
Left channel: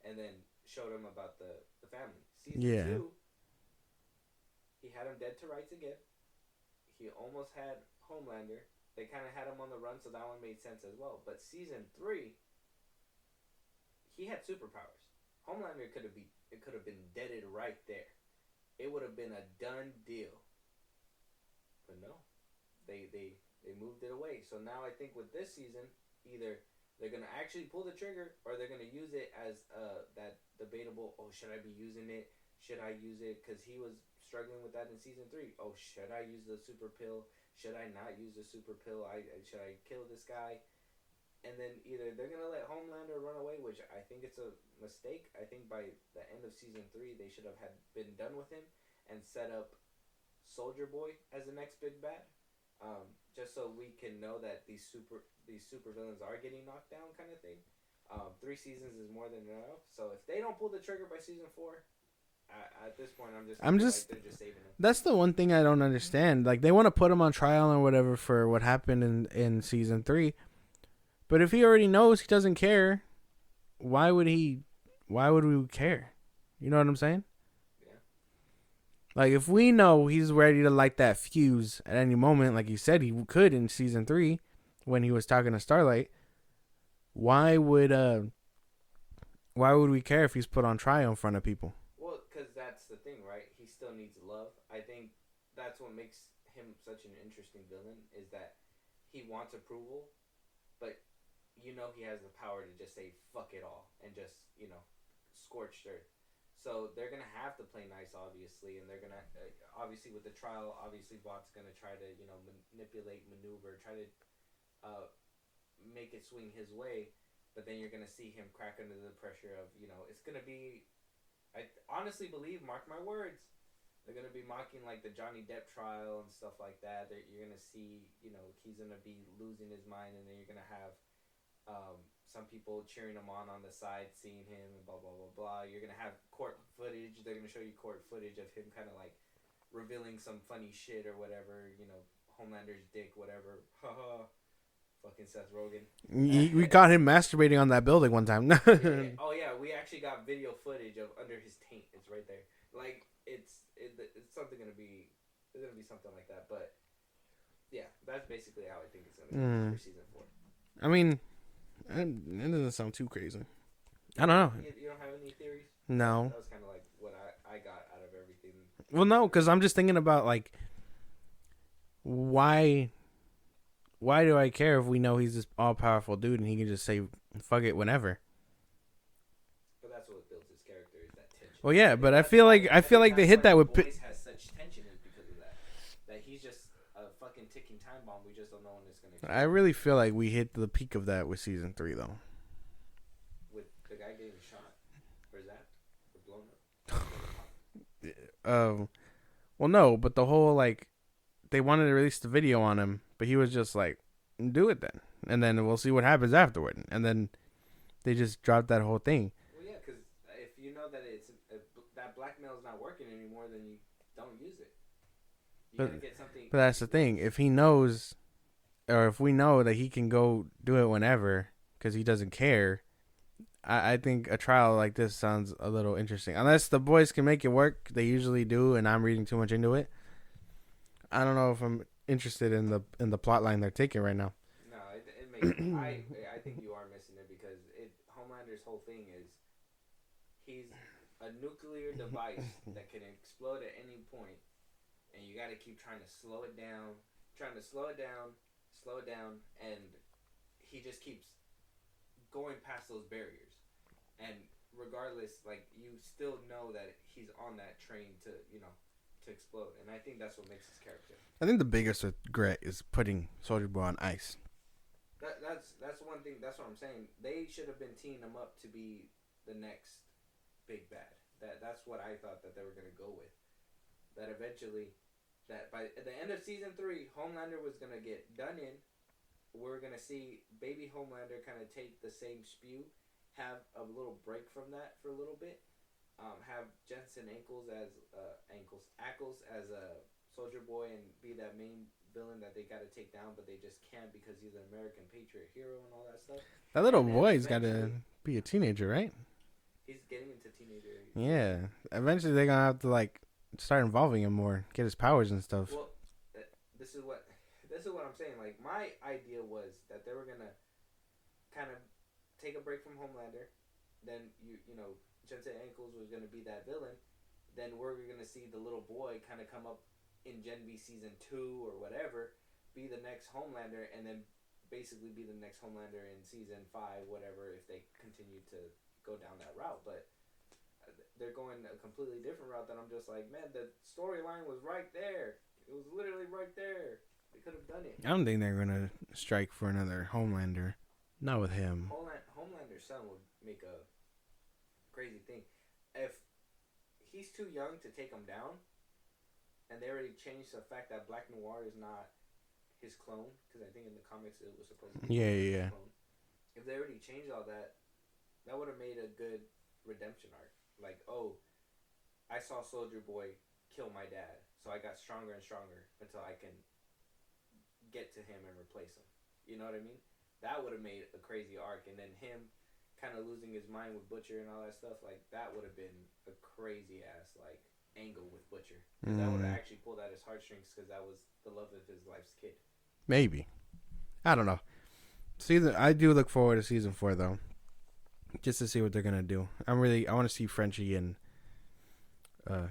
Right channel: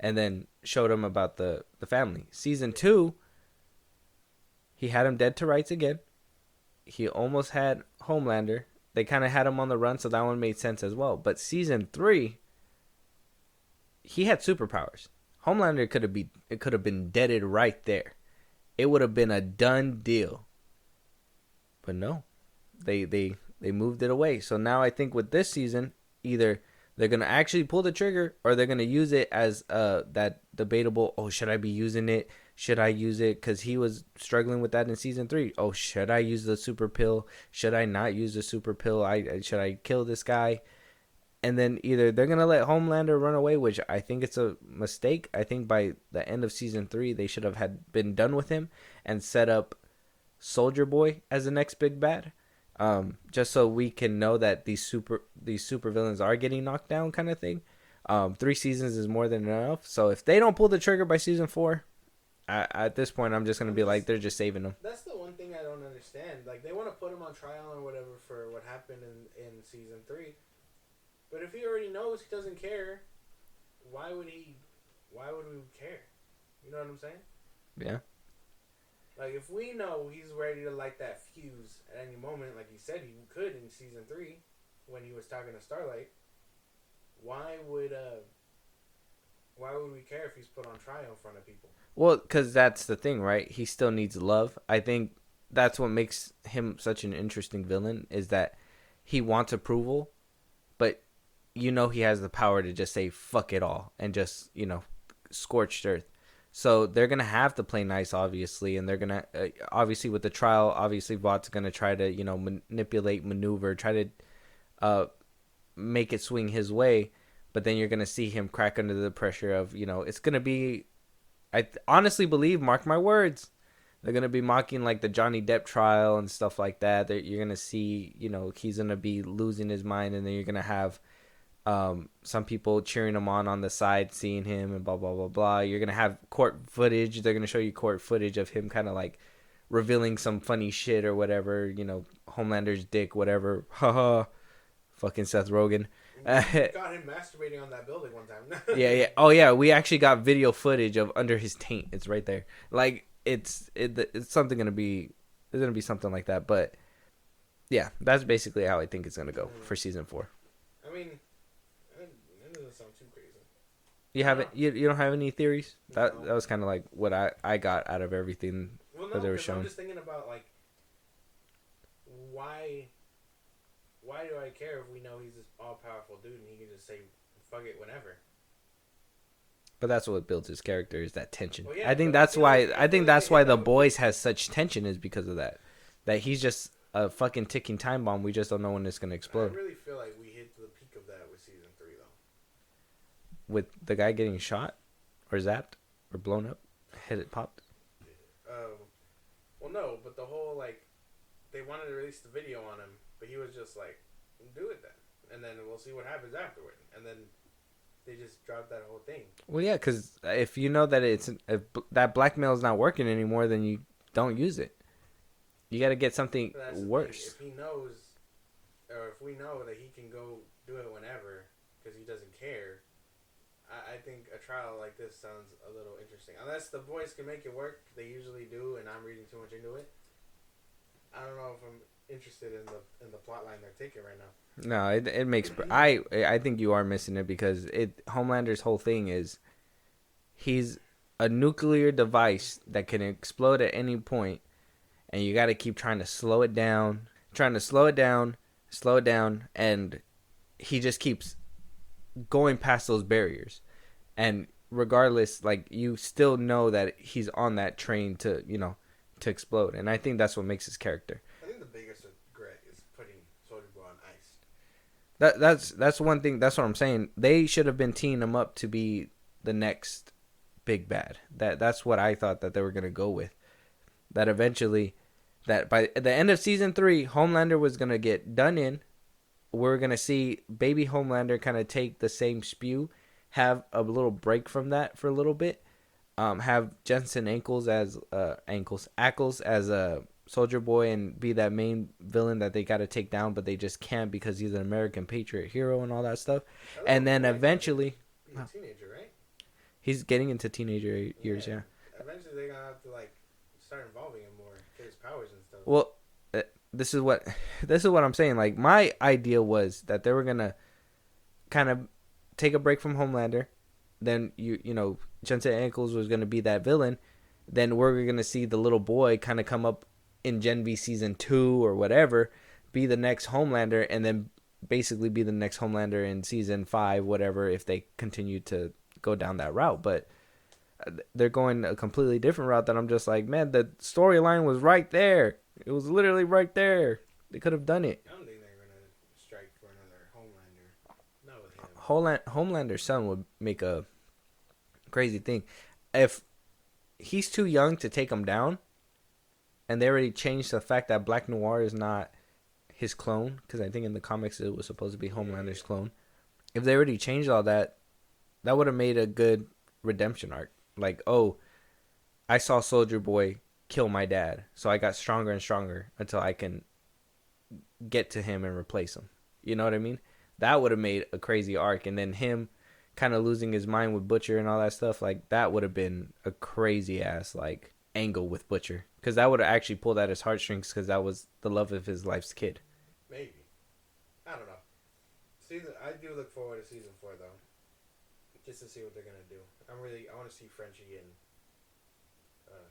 and then showed him about the family. Season 2, he had him dead to rights again. He almost had Homelander, they kind of had him on the run, so that one made sense as well. But season 3, he had superpowers. Homelander could have been deaded right there. It would have been a done deal. But no, they moved it away. So now I think with this season, either they're gonna actually pull the trigger, or they're gonna use it as that debatable. Oh, should I be using it? Should I use it? Because he was struggling with that in season 3. Oh, should I use the super pill? Should I not use the super pill? Should I kill this guy? And then either they're gonna let Homelander run away, which I think it's a mistake. I think by the end of season 3, they should have been done with him and set up Soldier Boy as the next big bad. Just so we can know that these super villains are getting knocked down, kind of thing. 3 seasons is more than enough. So if they don't pull the trigger by season 4, at this point, I'm just gonna be like, they're just saving them. That's the one thing I don't understand. Like, they want to put him on trial or whatever for what happened in season 3, but if he already knows he doesn't care, why would we care? You know what I'm saying? Yeah. Like, if we know he's ready to light that fuse at any moment, like he said he could in season 3 when he was talking to Starlight, why would we care if he's put on trial in front of people? Well, because that's the thing, right? He still needs love. I think that's what makes him such an interesting villain, is that he wants approval, but he has the power to just say fuck it all and just, scorched earth. So they're going to have to play nice, obviously, and they're going to, obviously with the trial, obviously Vought's going to try to, manipulate, maneuver, try to make it swing his way, but then you're going to see him crack under the pressure of, it's going to be, I honestly believe, mark my words, they're going to be mocking like the Johnny Depp trial and stuff like that. You're going to see, he's going to be losing his mind, and then you're going to have some people cheering him on the side, seeing him and blah, blah, blah, blah. You're going to have court footage. They're going to show you court footage of him kind of like revealing some funny shit or whatever, Homelander's dick, whatever. Haha. Fucking Seth Rogen. You got him masturbating on that building one time. Yeah. Oh, yeah. We actually got video footage of under his taint. It's right there. Like, it's something going to be... There's going to be something like that. But, yeah, that's basically how I think it's going to go for season 4. I mean, it doesn't sound too crazy. You don't have any theories? No. That was kind of like what I got out of everything. Well, no, because I'm just thinking about, like, why do I care if we know he's this all-powerful dude and he can just say fuck it whenever? But that's what builds his character, is that tension. Well, yeah, I think but that's I feel why. like I think that's why the boys has has such tension, is because of that. That he's just a fucking ticking time bomb. We just don't know when it's gonna explode. I really feel like we hit the peak of that with season 3, though. With the guy getting shot, or zapped, or blown up, has it popped? Well, no, but the whole, like, they wanted to release the video on him, but he was just like, do it then, and then we'll see what happens afterward. And then they just dropped that whole thing. Well, yeah, because if you know that if that blackmail is not working anymore, then you don't use it. You got to get something. But that's the thing. If he knows, or if we know that he can go do it whenever because he doesn't care, I think a trial like this sounds a little interesting. Unless the boys can make it work, they usually do, and I'm reading too much into it. I don't know if I'm interested in the plot line they're taking right now. No, it makes. I think you are missing it, because Homelander's whole thing is he's a nuclear device that can explode at any point, and you got to keep trying to slow it down, and he just keeps going past those barriers, and regardless, like, you still know that he's on that train to explode, and I think that's what makes his character. I think the biggest regret is putting Soldier Boy on ice. That's one thing. That's what I'm saying. They should have been teeing him up to be the next big bad. That's what I thought that they were gonna go with. That eventually, that by the end of season 3, Homelander was gonna get done in. We're gonna see baby Homelander kind of take the same spew, have a little break from that for a little bit. Have Jensen Ackles as a Soldier Boy and be that main villain that they got to take down, but they just can't because he's an American patriot hero and all that stuff. And then eventually be a teenager, right? He's getting into teenager years. Yeah. Eventually they're gonna have to, like, start involving him more, get his powers and stuff. Well, this is what I'm saying. Like, my idea was that they were gonna kind of take a break from Homelander. Then you know, Jensen Ackles was gonna be that villain. Then we're gonna see the little boy kind of come up in Gen V season 2 or whatever, be the next Homelander, and then basically be the next Homelander in season 5, whatever, if they continue to go down that route. But they're going a completely different route that I'm just like, man, the storyline was right there. It was literally right there. They could have done it. I don't think they're gonna strike for another Homelander. Not with him. Homelander's son would make a crazy thing. If he's too young to take him down, and they already changed the fact that Black Noir is not his clone, because I think in the comics it was supposed to be Homelander's clone. If they already changed all that, that would have made a good redemption arc. Like, oh, I saw Soldier Boy kill my dad, so I got stronger and stronger until I can get to him and replace him. You know what I mean? That would have made a crazy arc. And then him kind of losing his mind with Butcher and all that stuff, like, that would have been a crazy ass like angle with Butcher, because that would have actually pulled at his heartstrings, because that was the love of his life's kid. Maybe. I don't know. I do look forward to season 4 though, just to see what they're gonna do. I want to see Frenchie and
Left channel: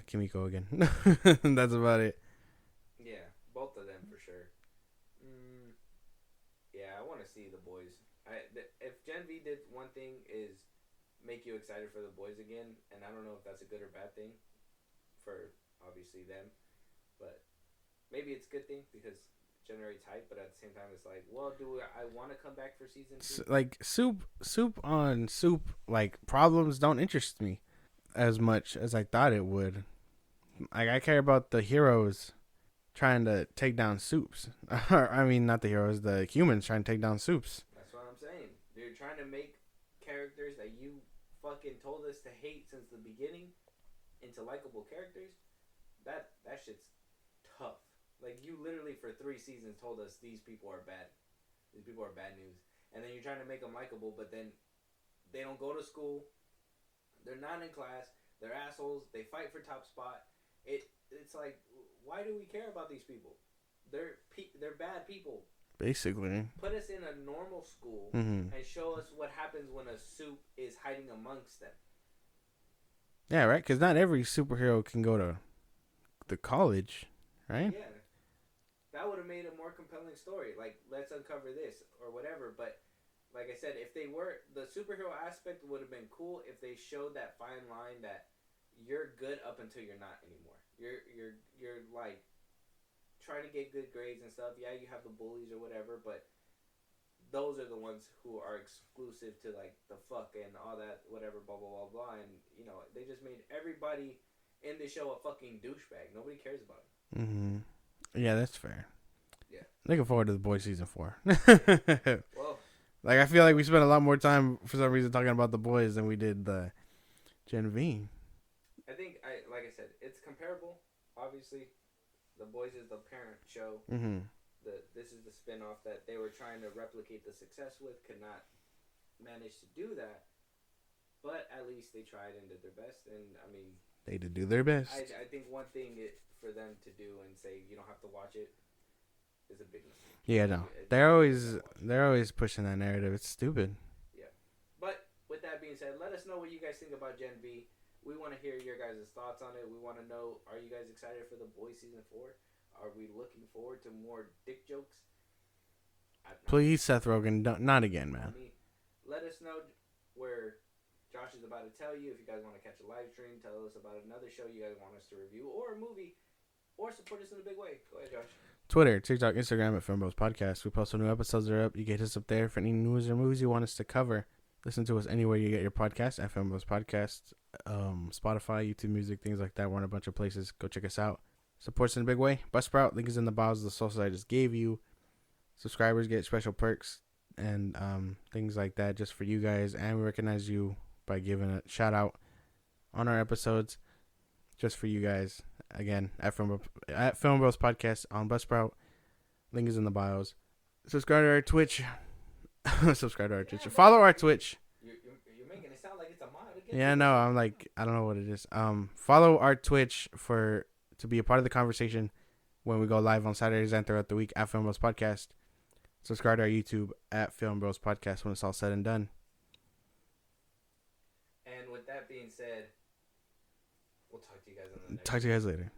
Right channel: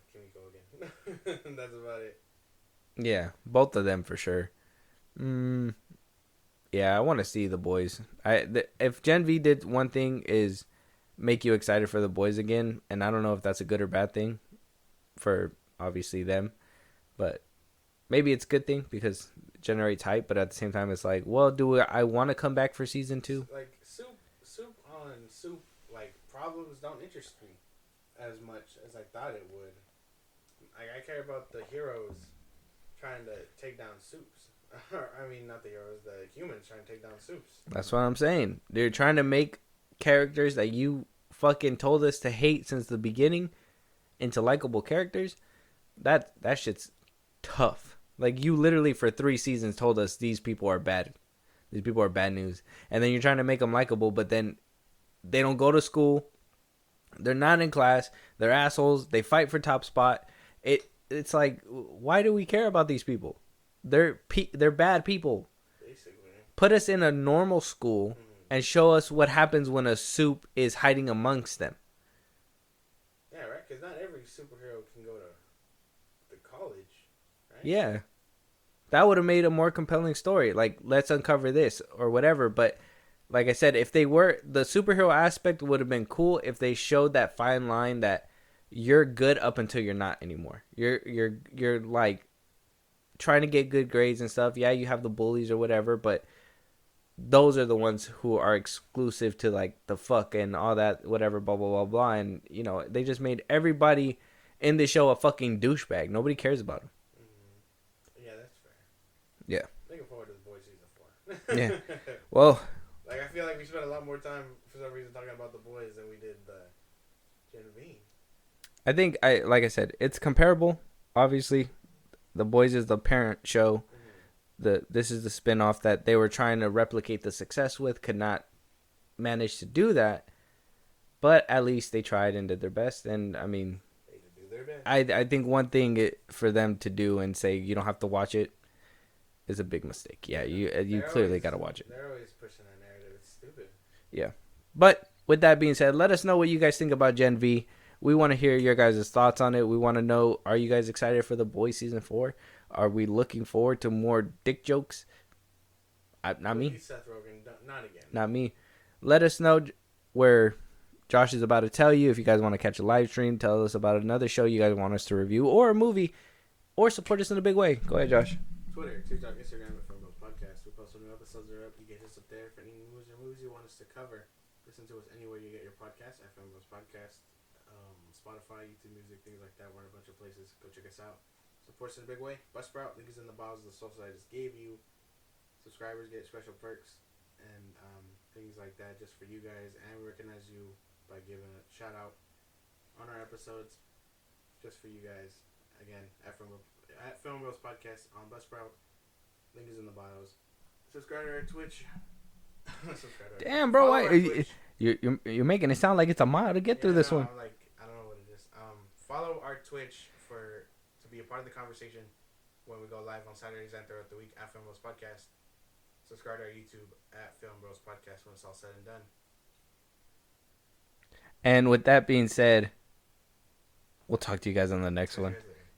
Kimiko again. That's about it. Yeah, both of them for sure. Yeah, I want to see the boys. If Gen V did one thing is make you excited for the boys again, and I don't know if that's a good or bad thing for obviously them, but maybe it's a good thing because it generates hype. But at the same time, it's like, well, I want to come back for season 2? Like soup on soup, like problems don't interest me as much as I thought it would. Like, I care about the heroes trying to take down Soups. I mean, not the heroes, the humans trying to take down Soups. That's what I'm saying. They're trying to make characters that you fucking told us to hate since the beginning into likable characters. That shit's tough. Like, you literally for 3 seasons told us these people are bad. These people are bad news. And then you're trying to make them likable, but then they don't go to school. They're not in class. They're assholes. They fight for top spot. It's like, why do we care about these people? They're bad people. Basically. Put us in a normal school and show us what happens when a Soup is hiding amongst them. Yeah, right? Because not every superhero can go to the college, right? Yeah. That would have made a more compelling story. Like, let's uncover this or whatever. But like I said, if they were, the superhero aspect would have been cool if they showed that fine line that you're good up until you're not anymore. You're like trying to get good grades and stuff. Yeah, you have the bullies or whatever, but those are the ones who are exclusive to like the fuck and all that, whatever, blah blah blah blah. And you know, they just made everybody in the show a fucking douchebag. Nobody cares about them. Yeah, that's fair. Yeah, looking forward to the Boys season 4. Yeah. Well, like, I feel like we spent a lot more time for some reason talking about the Boys than we did the Gen V. I think like I said, it's comparable. Obviously, The Boys is the parent show. This is the spinoff that they were trying to replicate the success with, could not manage to do that, but at least they tried and did their best. And I mean, they did do their best. I think one thing for them to do and say you don't have to watch it is a big mistake. Yeah, no. you clearly gotta watch it. They're always pushing that narrative. It's stupid. Yeah, but with that being said, let us know what you guys think about Gen V. We want to hear your guys' thoughts on it. We want to know, are you guys excited for The Boys season 4? Are we looking forward to more dick jokes? Not Please, me. Seth Rogen, not again. Not me. Let us know where Josh is about to tell you. If you guys want to catch a live stream, tell us about another show you guys want us to review, or a movie, or support us in a big way. Go ahead, Josh. Twitter, TikTok, Instagram at FilmBros Podcast. We post when new episodes are up. You get us up there for any news or movies you want us to cover. Listen to us anywhere you get your podcast at FilmBros Podcast. Spotify, YouTube Music, things like that. We're in a bunch of places. Go check us out. Support us in a big way. Buzzsprout, link is in the bios of the socials I just gave you. Subscribers get special perks and things like that just for you guys. And we recognize you by giving a shout out on our episodes just for you guys. Again, at FilmBros Podcast on Buzzsprout. Link is in the bios. Subscribe to our Twitch. Subscribe to our Twitch. Bro, follow our Twitch. You're making it sound like it's a mile to get through this one. I'm like, I don't know what it is. Follow our Twitch to be a part of the conversation. when we go live on Saturdays and throughout the week at FilmBros Podcast. Subscribe to our YouTube at FilmBros Podcast when it's all said and done. And with that being said, we'll talk to you guys on the next one. Talk to you guys later.